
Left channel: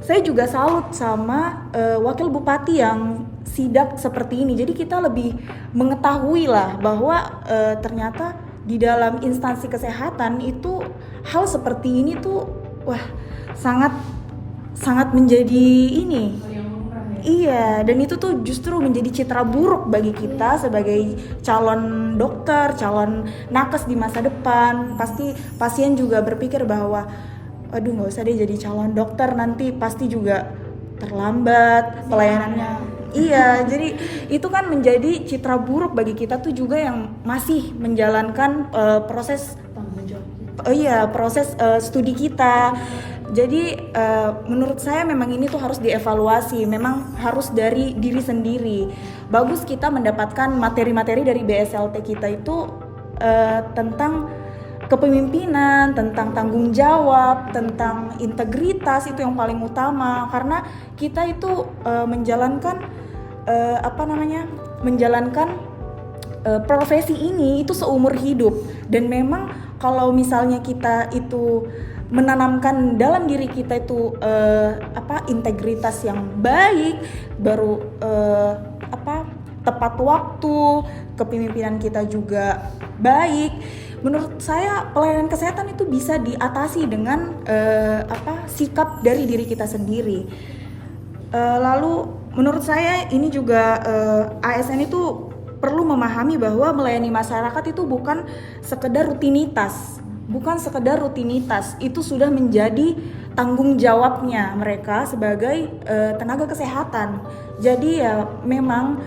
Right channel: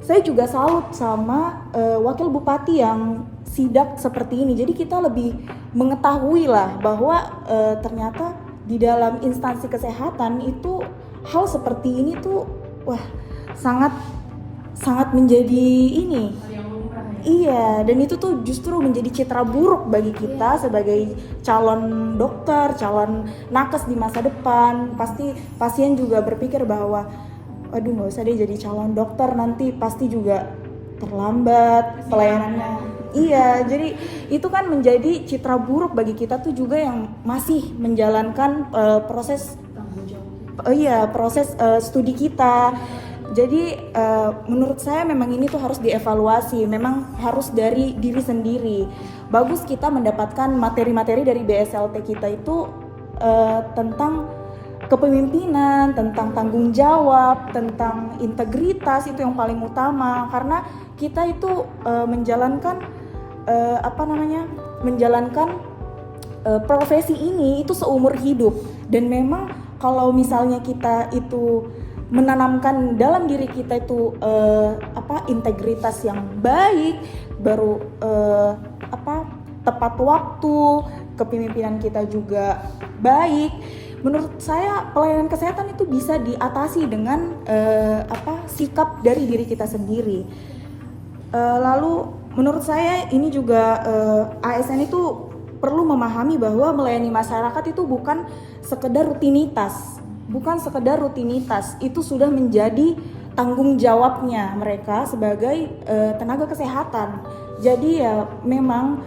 saya juga salut sama wakil bupati yang sidak seperti ini. Jadi kita lebih mengetahui lah bahwa ternyata di dalam instansi kesehatan itu hal seperti ini tuh sangat menjadi ini. Iya, dan itu tuh justru menjadi citra buruk bagi kita sebagai calon dokter, calon nakes di masa depan. Pasti pasien juga berpikir bahwa aduh, nggak usah deh jadi calon dokter, nanti pasti juga terlambat pelayanannya. Iya, jadi itu kan menjadi citra buruk bagi kita tuh juga yang masih menjalankan proses studi kita. Jadi menurut saya memang ini tuh harus dievaluasi, memang harus dari diri sendiri. Bagus kita mendapatkan materi-materi dari BSLT kita itu tentang kepemimpinan, tentang tanggung jawab, tentang integritas, itu yang paling utama. Karena kita itu menjalankan profesi ini itu seumur hidup. Dan memang kalau misalnya kita itu menanamkan dalam diri kita itu integritas yang baik, baru tepat waktu, kepemimpinan kita juga baik. Menurut saya pelayanan kesehatan itu bisa diatasi dengan sikap dari diri kita sendiri. Lalu menurut saya ini juga ASN itu perlu memahami bahwa melayani masyarakat itu bukan sekedar rutinitas, itu sudah menjadi tanggung jawabnya mereka sebagai tenaga kesehatan. Jadi ya memang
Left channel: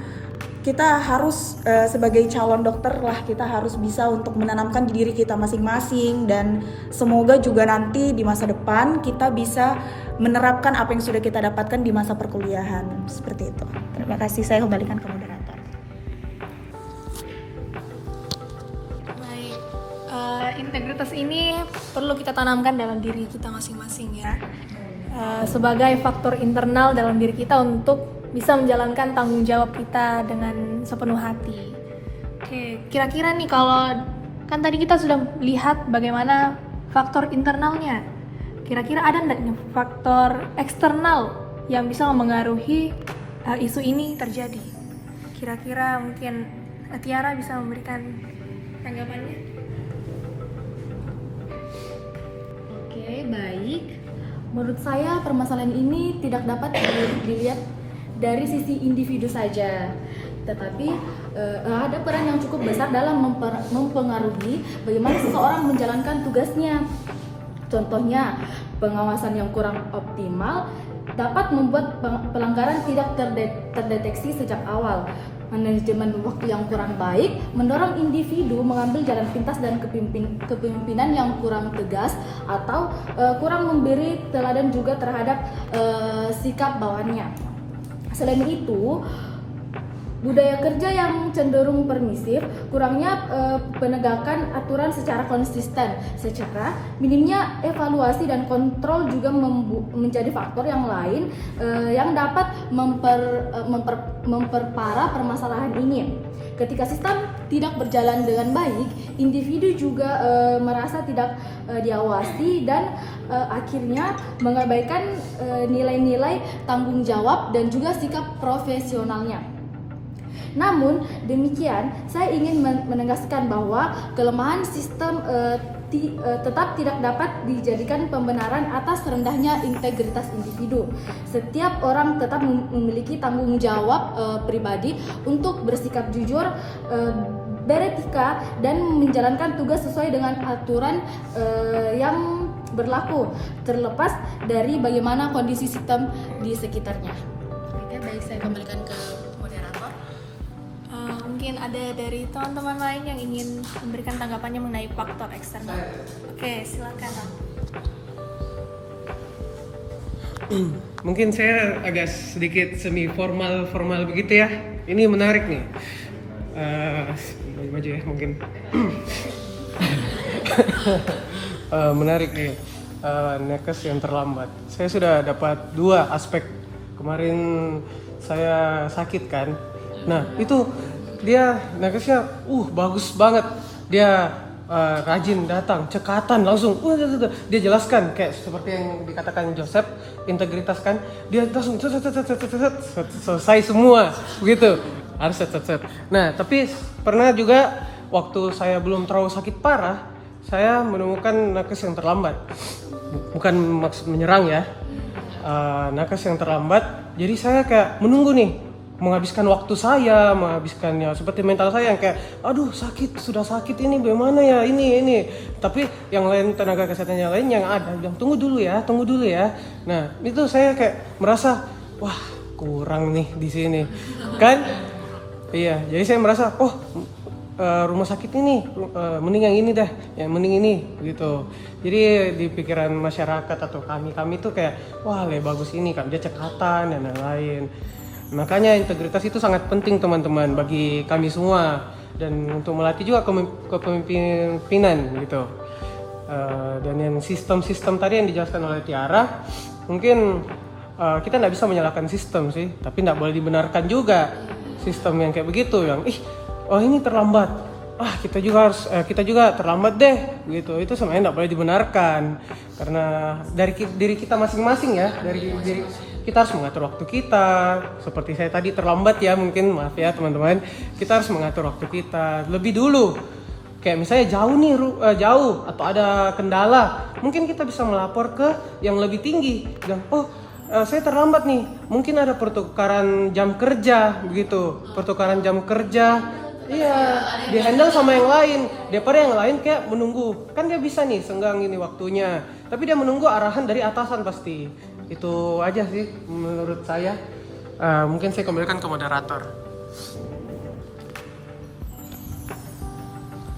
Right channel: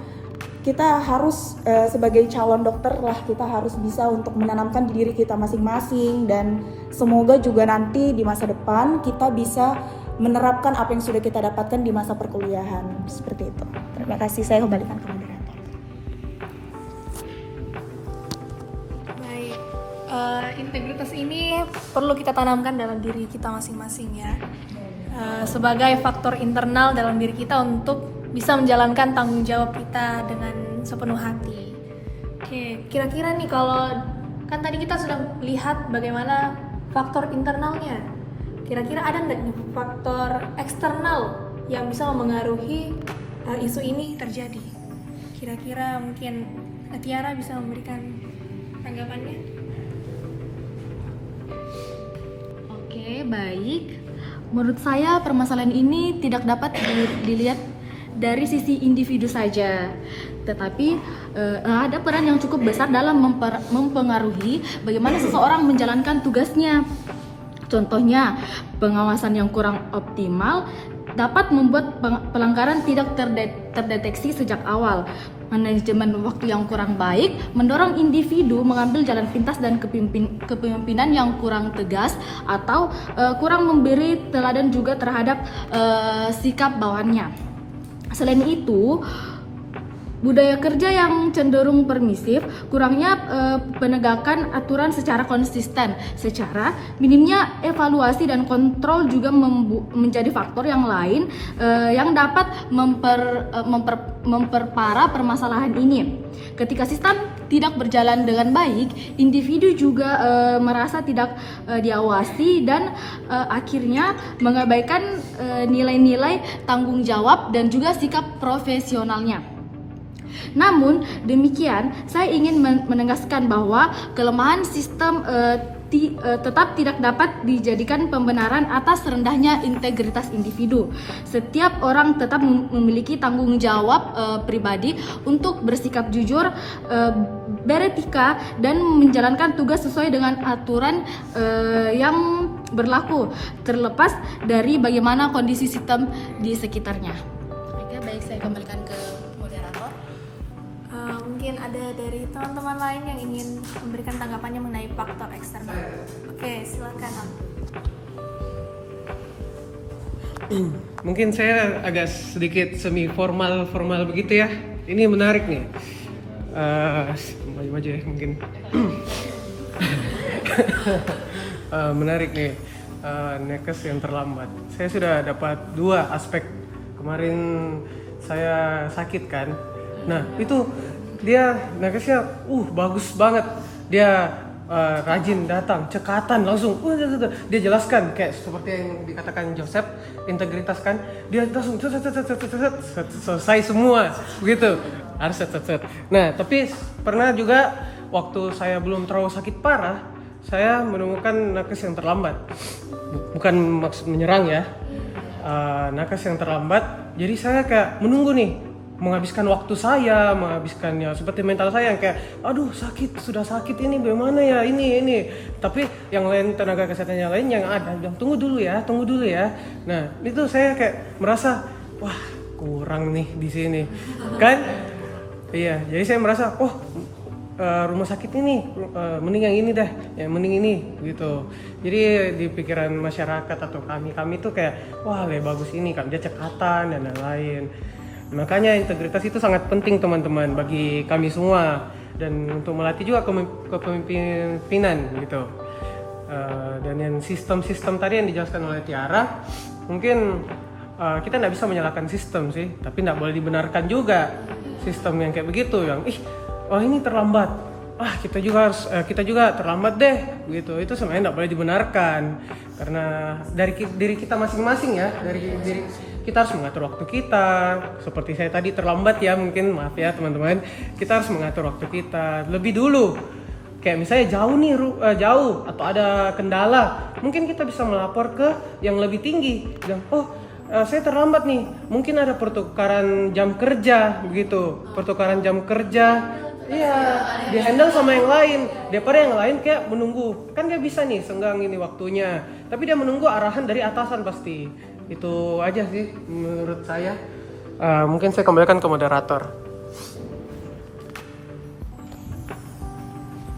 kita harus sebagai calon dokter lah, kita harus bisa untuk menanamkan diri kita masing-masing, dan semoga juga nanti di masa depan kita bisa menerapkan apa yang sudah kita dapatkan di masa perkuliahan. Seperti itu. Terima kasih, saya kembalikan ke moderator. Baik, integritas ini perlu kita tanamkan dalam diri kita masing-masing ya, sebagai faktor internal dalam diri kita untuk bisa menjalankan tanggung jawab kita dengan sepenuh hati. Oke, kira-kira nih kalau kan tadi kita sudah lihat bagaimana faktor internalnya, kira-kira ada nggak nih faktor eksternal yang bisa mempengaruhi isu ini terjadi? Kira-kira mungkin Tiara bisa memberikan tanggapannya? Oke, baik. Menurut saya permasalahan ini tidak dapat dilihat dari sisi individu saja, tetapi ada peran yang cukup besar dalam mempengaruhi bagaimana seseorang menjalankan tugasnya. Contohnya, pengawasan yang kurang optimal dapat membuat pelanggaran tidak terdeteksi sejak awal. Manajemen waktu yang kurang baik mendorong individu mengambil jalan pintas dan kepemimpinan yang kurang tegas atau kurang memberi teladan juga terhadap sikap bawahannya. Selain itu, budaya kerja yang cenderung permisif, kurangnya penegakan aturan secara konsisten, secara minimnya evaluasi dan kontrol juga menjadi faktor yang lain yang dapat memperparah permasalahan ini. Ketika sistem tidak berjalan dengan baik, individu juga merasa tidak diawasi dan akhirnya mengabaikan nilai-nilai tanggung jawab dan juga sikap profesionalnya. Namun demikian, saya ingin menegaskan bahwa kelemahan sistem tetap tidak dapat dijadikan pembenaran atas rendahnya integritas individu. Setiap orang tetap memiliki tanggung jawab pribadi untuk bersikap jujur, beretika, dan menjalankan tugas sesuai dengan aturan yang berlaku, terlepas dari bagaimana kondisi sistem di sekitarnya. Oke, baik, saya kembalikan ke moderator. Mungkin ada dari teman-teman lain yang ingin memberikan tanggapannya mengenai faktor eksternal. Oke, silakan. Mungkin saya agak sedikit semi formal begitu ya. Ini menarik nih. Maju ya mungkin. Menarik nih. Nakes yang terlambat. Saya sudah dapat 2 aspek. Kemarin saya sakit kan. Nah itu dia nakesnya bagus banget. Dia rajin datang, cekatan langsung. Dia jelaskan kayak seperti yang dikatakan Joseph, integritas kan. Dia langsung selesai semua begitu. Harus set. Nah tapi pernah juga waktu saya belum terlalu sakit parah, saya menemukan nakes yang terlambat. Bukan maksud menyerang ya, nakes yang terlambat. Jadi saya kayak menunggu nih, menghabiskan waktu saya, menghabiskannya seperti mental saya yang kayak, aduh sudah sakit ini bagaimana ya ini. Tapi yang lain, tenaga kesehatan yang lain yang ada bilang tunggu dulu ya. Nah itu saya kayak merasa wah kurang nih di sini kan. Iya, jadi saya merasa rumah sakit ini mending yang ini deh, mending ini gitu. Jadi di pikiran masyarakat atau kami tuh kayak wah bagus ini kan dia cekatan dan lain-lain. Makanya integritas itu sangat penting teman-teman bagi kami semua, dan untuk melatih juga kepemimpinan gitu. Dan yang sistem ini yang dijelaskan oleh Tiara, mungkin kita nggak bisa menyalahkan sistem sih, tapi nggak boleh dibenarkan juga sistem yang kayak begitu yang ini terlambat. kita juga terlambat deh gitu. Itu sebenarnya tidak boleh dibenarkan karena dari diri kita masing-masing ya, dari diri kita harus mengatur waktu kita. Seperti saya tadi terlambat ya, mungkin maaf ya teman-teman, kita harus mengatur waktu kita lebih dulu. Kayak misalnya jauh atau ada kendala, mungkin kita bisa melapor ke yang lebih tinggi. Bilang, saya terlambat nih, mungkin ada pertukaran jam kerja begitu, pertukaran jam kerja. Iya, di handle sama yang lain. Daripada yang lain kayak menunggu. Kan dia bisa nih senggang ini waktunya. Tapi dia menunggu arahan dari atasan pasti. Itu aja sih menurut saya. Mungkin saya kembalikan ke moderator.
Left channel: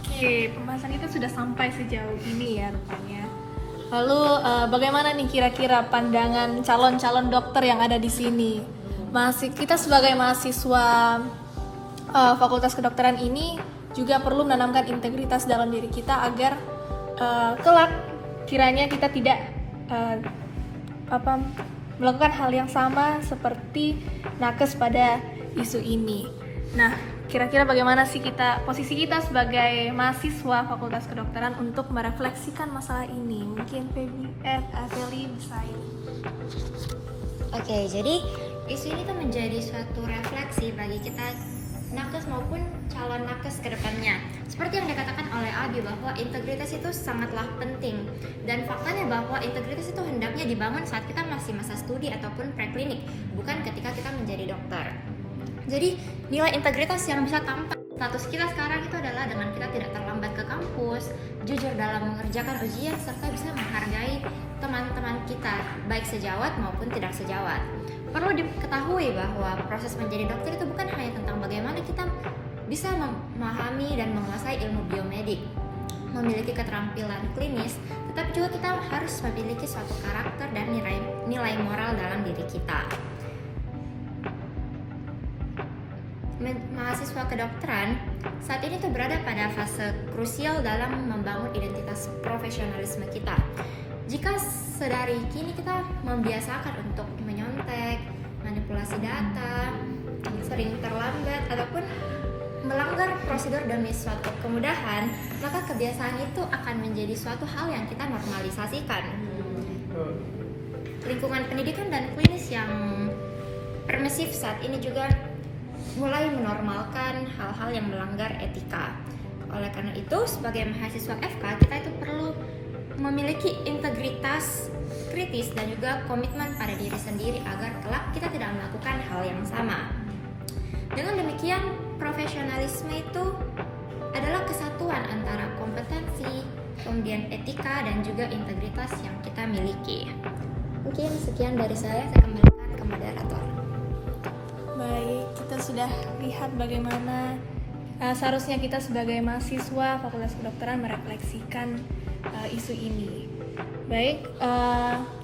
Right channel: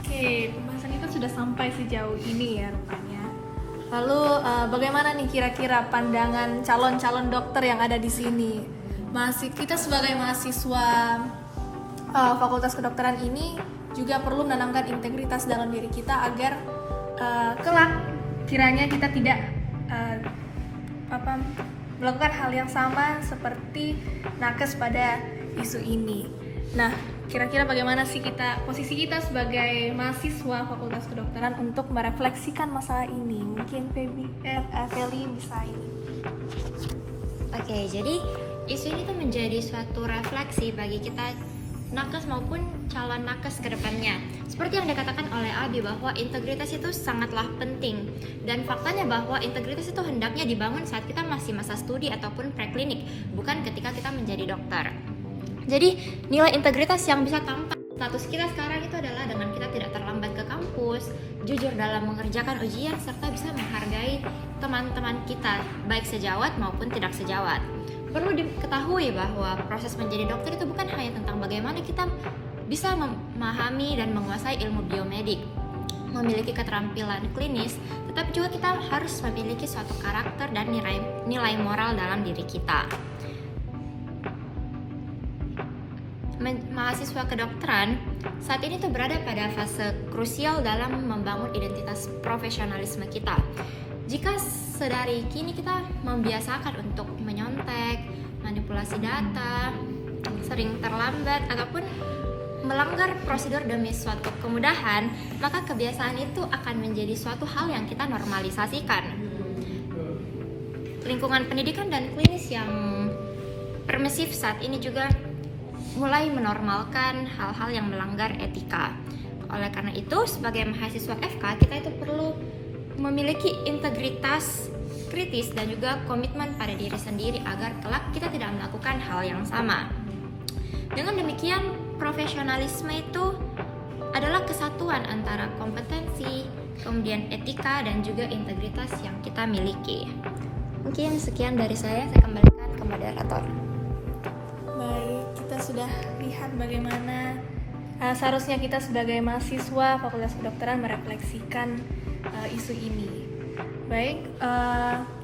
Oke, pembahasan kita sudah sampai sejauh ini ya rupanya. Lalu bagaimana nih kira-kira pandangan calon-calon dokter yang ada di sini? Kita sebagai mahasiswa Fakultas Kedokteran ini juga perlu menanamkan integritas dalam diri kita agar kelak kiranya kita tidak melakukan hal yang sama seperti nakes pada isu ini. Nah, kira-kira bagaimana sih posisi kita sebagai mahasiswa Fakultas Kedokteran untuk merefleksikan masalah ini? Mungkin Feli bisa ini. Oke, jadi isu ini tuh menjadi suatu refleksi bagi kita nakes maupun calon nakes ke depannya. Seperti yang dikatakan oleh Abi bahwa integritas itu sangatlah penting, dan faktanya bahwa integritas itu hendaknya dibangun saat kita masih masa studi ataupun preklinik, bukan ketika kita menjadi dokter. Jadi nilai integritas yang bisa tampak status kita sekarang itu adalah dengan kita tidak terlambat ke kampus, jujur dalam mengerjakan ujian, serta bisa menghargai teman-teman kita baik sejawat maupun tidak sejawat. Perlu diketahui bahwa proses menjadi dokter itu bukan hanya tentang bagaimana kita bisa memahami dan menguasai ilmu biomedik, memiliki keterampilan klinis, tetapi juga kita harus memiliki suatu karakter dan nilai moral dalam diri kita. Mahasiswa kedokteran saat ini tuh berada pada fase krusial dalam membangun identitas profesionalisme kita. Jika sedari kini kita membiasakan untuk menyontek, manipulasi data, sering terlambat, ataupun melanggar prosedur demi suatu kemudahan, maka kebiasaan itu akan menjadi suatu hal yang kita normalisasikan. Lingkungan pendidikan dan klinis yang permisif saat ini juga mulai menormalkan hal-hal yang melanggar etika. Oleh karena itu, sebagai mahasiswa FK, kita itu perlu memiliki integritas kritis dan juga komitmen pada diri sendiri agar kelak kita tidak melakukan hal yang sama. Dengan demikian, profesionalisme itu adalah kesatuan antara kompetensi, kemudian etika, dan juga integritas yang kita miliki. Mungkin sekian dari saya kembalikan ke moderator. Baik, kita sudah lihat bagaimana seharusnya kita sebagai mahasiswa Fakultas Kedokteran merefleksikan isu ini. Baik,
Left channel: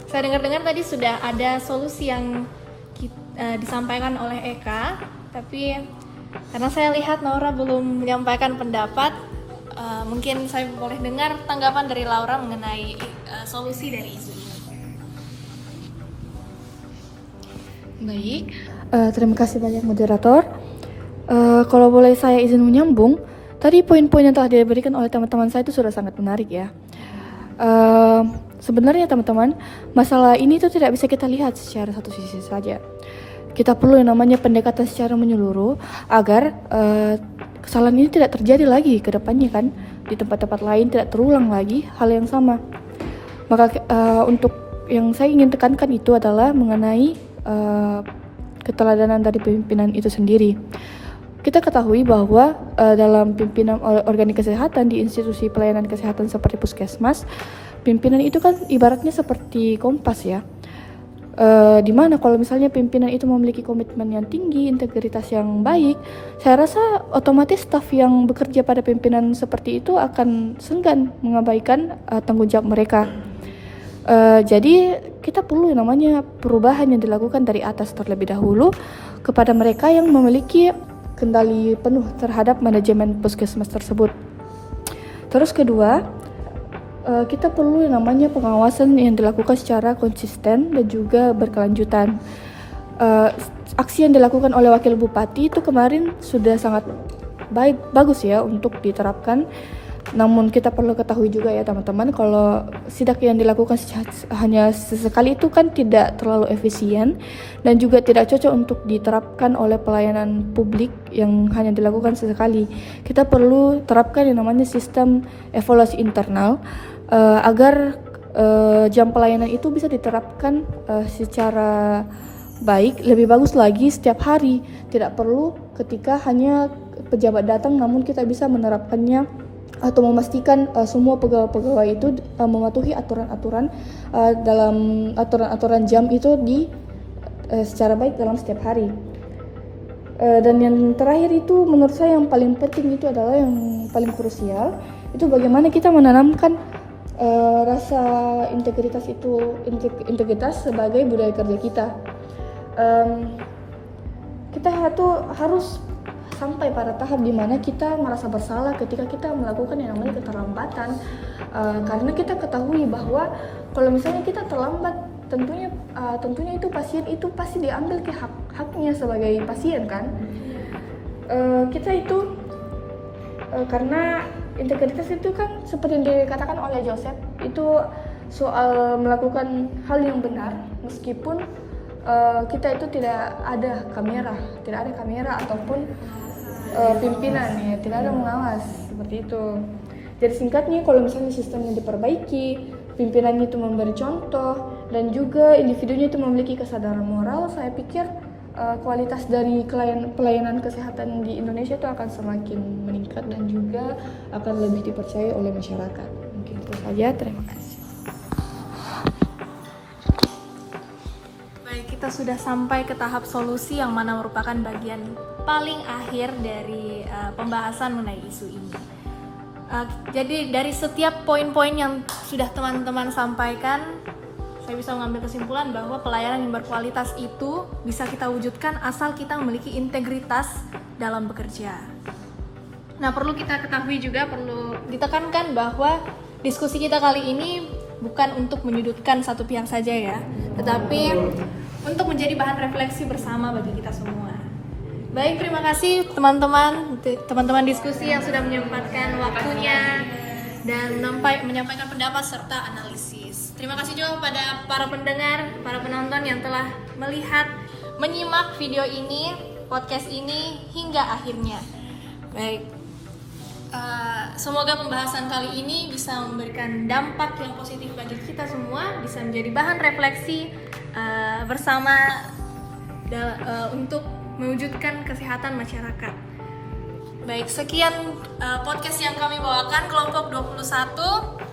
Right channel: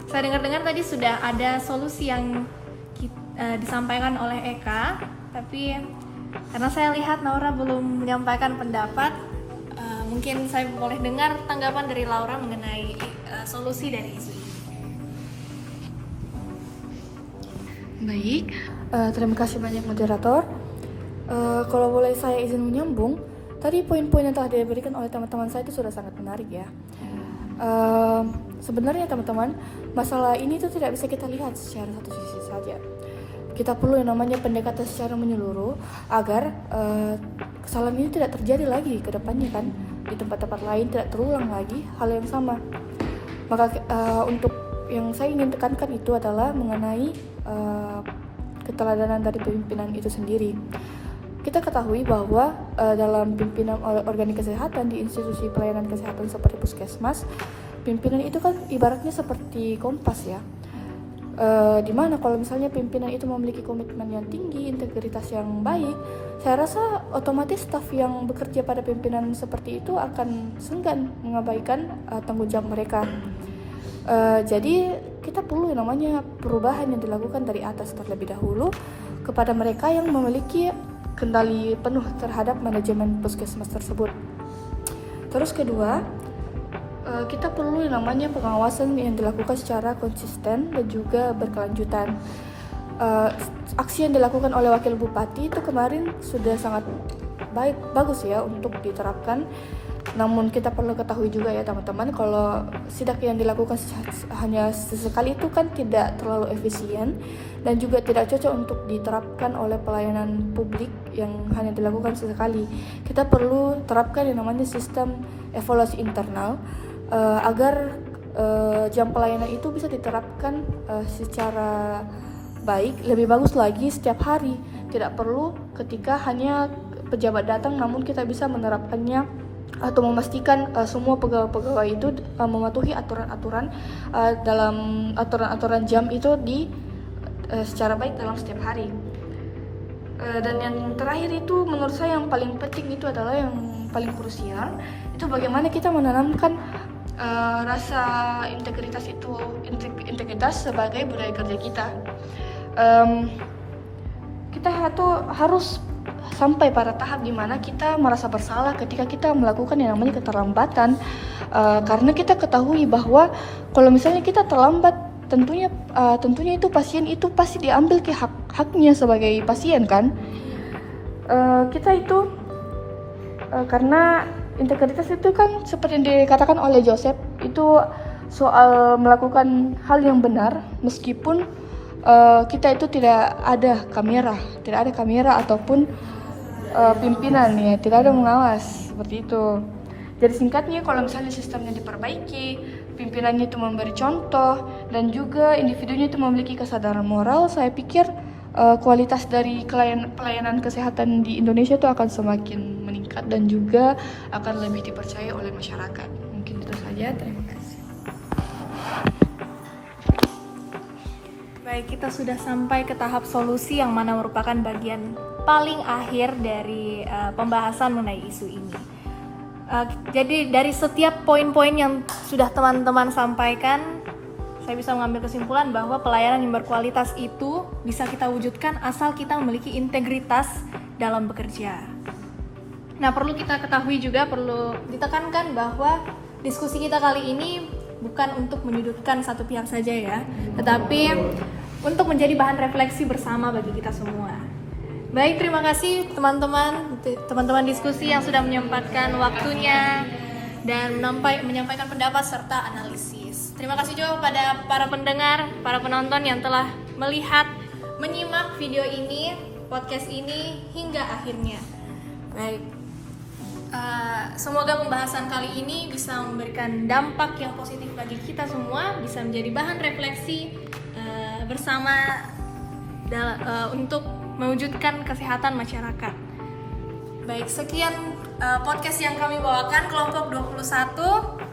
saya dengar-dengar tadi sudah ada solusi yang disampaikan oleh Eka, tapi karena saya lihat Naura belum menyampaikan pendapat, mungkin saya boleh dengar tanggapan dari Laura mengenai solusi dari isu ini. Baik, terima kasih banyak moderator. Kalau boleh saya izin menyambung, tadi poin-poin yang telah diberikan oleh teman-teman saya itu sudah sangat menarik ya. Sebenarnya teman-teman, masalah ini itu tidak bisa kita lihat secara satu sisi saja. Kita perlu yang namanya pendekatan secara menyeluruh agar kesalahan ini tidak terjadi lagi ke depannya kan, di tempat-tempat lain tidak terulang lagi hal yang sama. Maka untuk yang saya ingin tekankan itu adalah mengenai keteladanan dari pimpinan itu sendiri. Kita ketahui bahwa dalam pimpinan organik kesehatan di institusi pelayanan kesehatan seperti puskesmas, pimpinan itu kan ibaratnya seperti kompas ya. Dimana kalau misalnya pimpinan itu memiliki komitmen yang tinggi, integritas yang baik, saya rasa otomatis staf yang bekerja pada pimpinan seperti itu akan segan mengabaikan tanggung jawab mereka. Jadi kita perlu yang namanya perubahan yang dilakukan dari atas terlebih dahulu kepada mereka yang memiliki kendali penuh terhadap manajemen puskesmas tersebut. Terus kedua, kita perlu yang namanya pengawasan yang dilakukan secara konsisten dan juga berkelanjutan. Aksi yang dilakukan oleh Wakil Bupati itu kemarin sudah sangat bagus ya untuk diterapkan. Namun kita perlu ketahui juga ya teman-teman, kalau sidak yang dilakukan hanya sesekali itu kan tidak terlalu efisien dan juga tidak cocok untuk diterapkan oleh pelayanan publik yang hanya dilakukan sesekali. Kita perlu terapkan yang namanya sistem evaluasi internal agar jam pelayanan itu bisa diterapkan secara baik, lebih bagus lagi setiap hari. Tidak perlu ketika hanya pejabat datang, namun kita bisa menerapkannya atau memastikan semua pegawai-pegawai itu mematuhi aturan-aturan dalam aturan-aturan jam itu secara baik dalam setiap hari. Dan yang terakhir itu menurut saya yang paling penting itu adalah yang paling krusial, itu bagaimana kita menanamkan rasa integritas integritas sebagai budaya kerja kita. Kita harus sampai pada tahap di mana kita merasa bersalah ketika kita melakukan yang namanya keterlambatan, karena kita ketahui bahwa kalau misalnya kita terlambat, tentunya itu pasien itu pasti diambil ke haknya sebagai pasien kan. Kita itu karena integritas itu kan seperti yang dikatakan oleh Joseph, itu soal melakukan hal yang benar meskipun kita itu tidak ada kamera ataupun pimpinan ya, tidak ada pengawas seperti itu. Jadi singkatnya, kalau misalnya sistemnya diperbaiki, pimpinannya itu memberi contoh dan juga individunya itu memiliki kesadaran moral, saya pikir kualitas dari pelayanan kesehatan di Indonesia itu akan semakin meningkat dan juga akan lebih dipercaya oleh masyarakat. Mungkin itu saja, terima kasih. Baik, kita sudah sampai ke tahap solusi yang mana merupakan bagian paling akhir dari pembahasan mengenai isu ini. Jadi dari setiap poin-poin yang sudah teman-teman sampaikan, saya bisa mengambil kesimpulan bahwa pelayanan yang berkualitas itu bisa kita wujudkan asal kita memiliki integritas dalam bekerja. Nah, perlu kita ketahui juga, perlu ditekankan bahwa diskusi kita kali ini bukan untuk menyudutkan satu pihak saja ya, tetapi untuk menjadi bahan refleksi bersama bagi kita semua. Baik, terima kasih teman-teman diskusi yang sudah menyempatkan waktunya dan menyampaikan pendapat serta analisis. Terima kasih juga kepada para pendengar, para penonton yang telah menyimak video ini, podcast ini hingga akhirnya. Baik, semoga pembahasan kali ini bisa memberikan dampak yang positif bagi kita semua, bisa menjadi bahan refleksi bersama untuk mewujudkan kesehatan masyarakat. Baik, sekian podcast yang kami bawakan kelompok 21.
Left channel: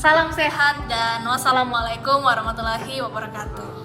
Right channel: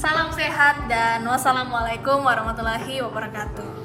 Salam sehat dan wassalamualaikum warahmatullahi wabarakatuh.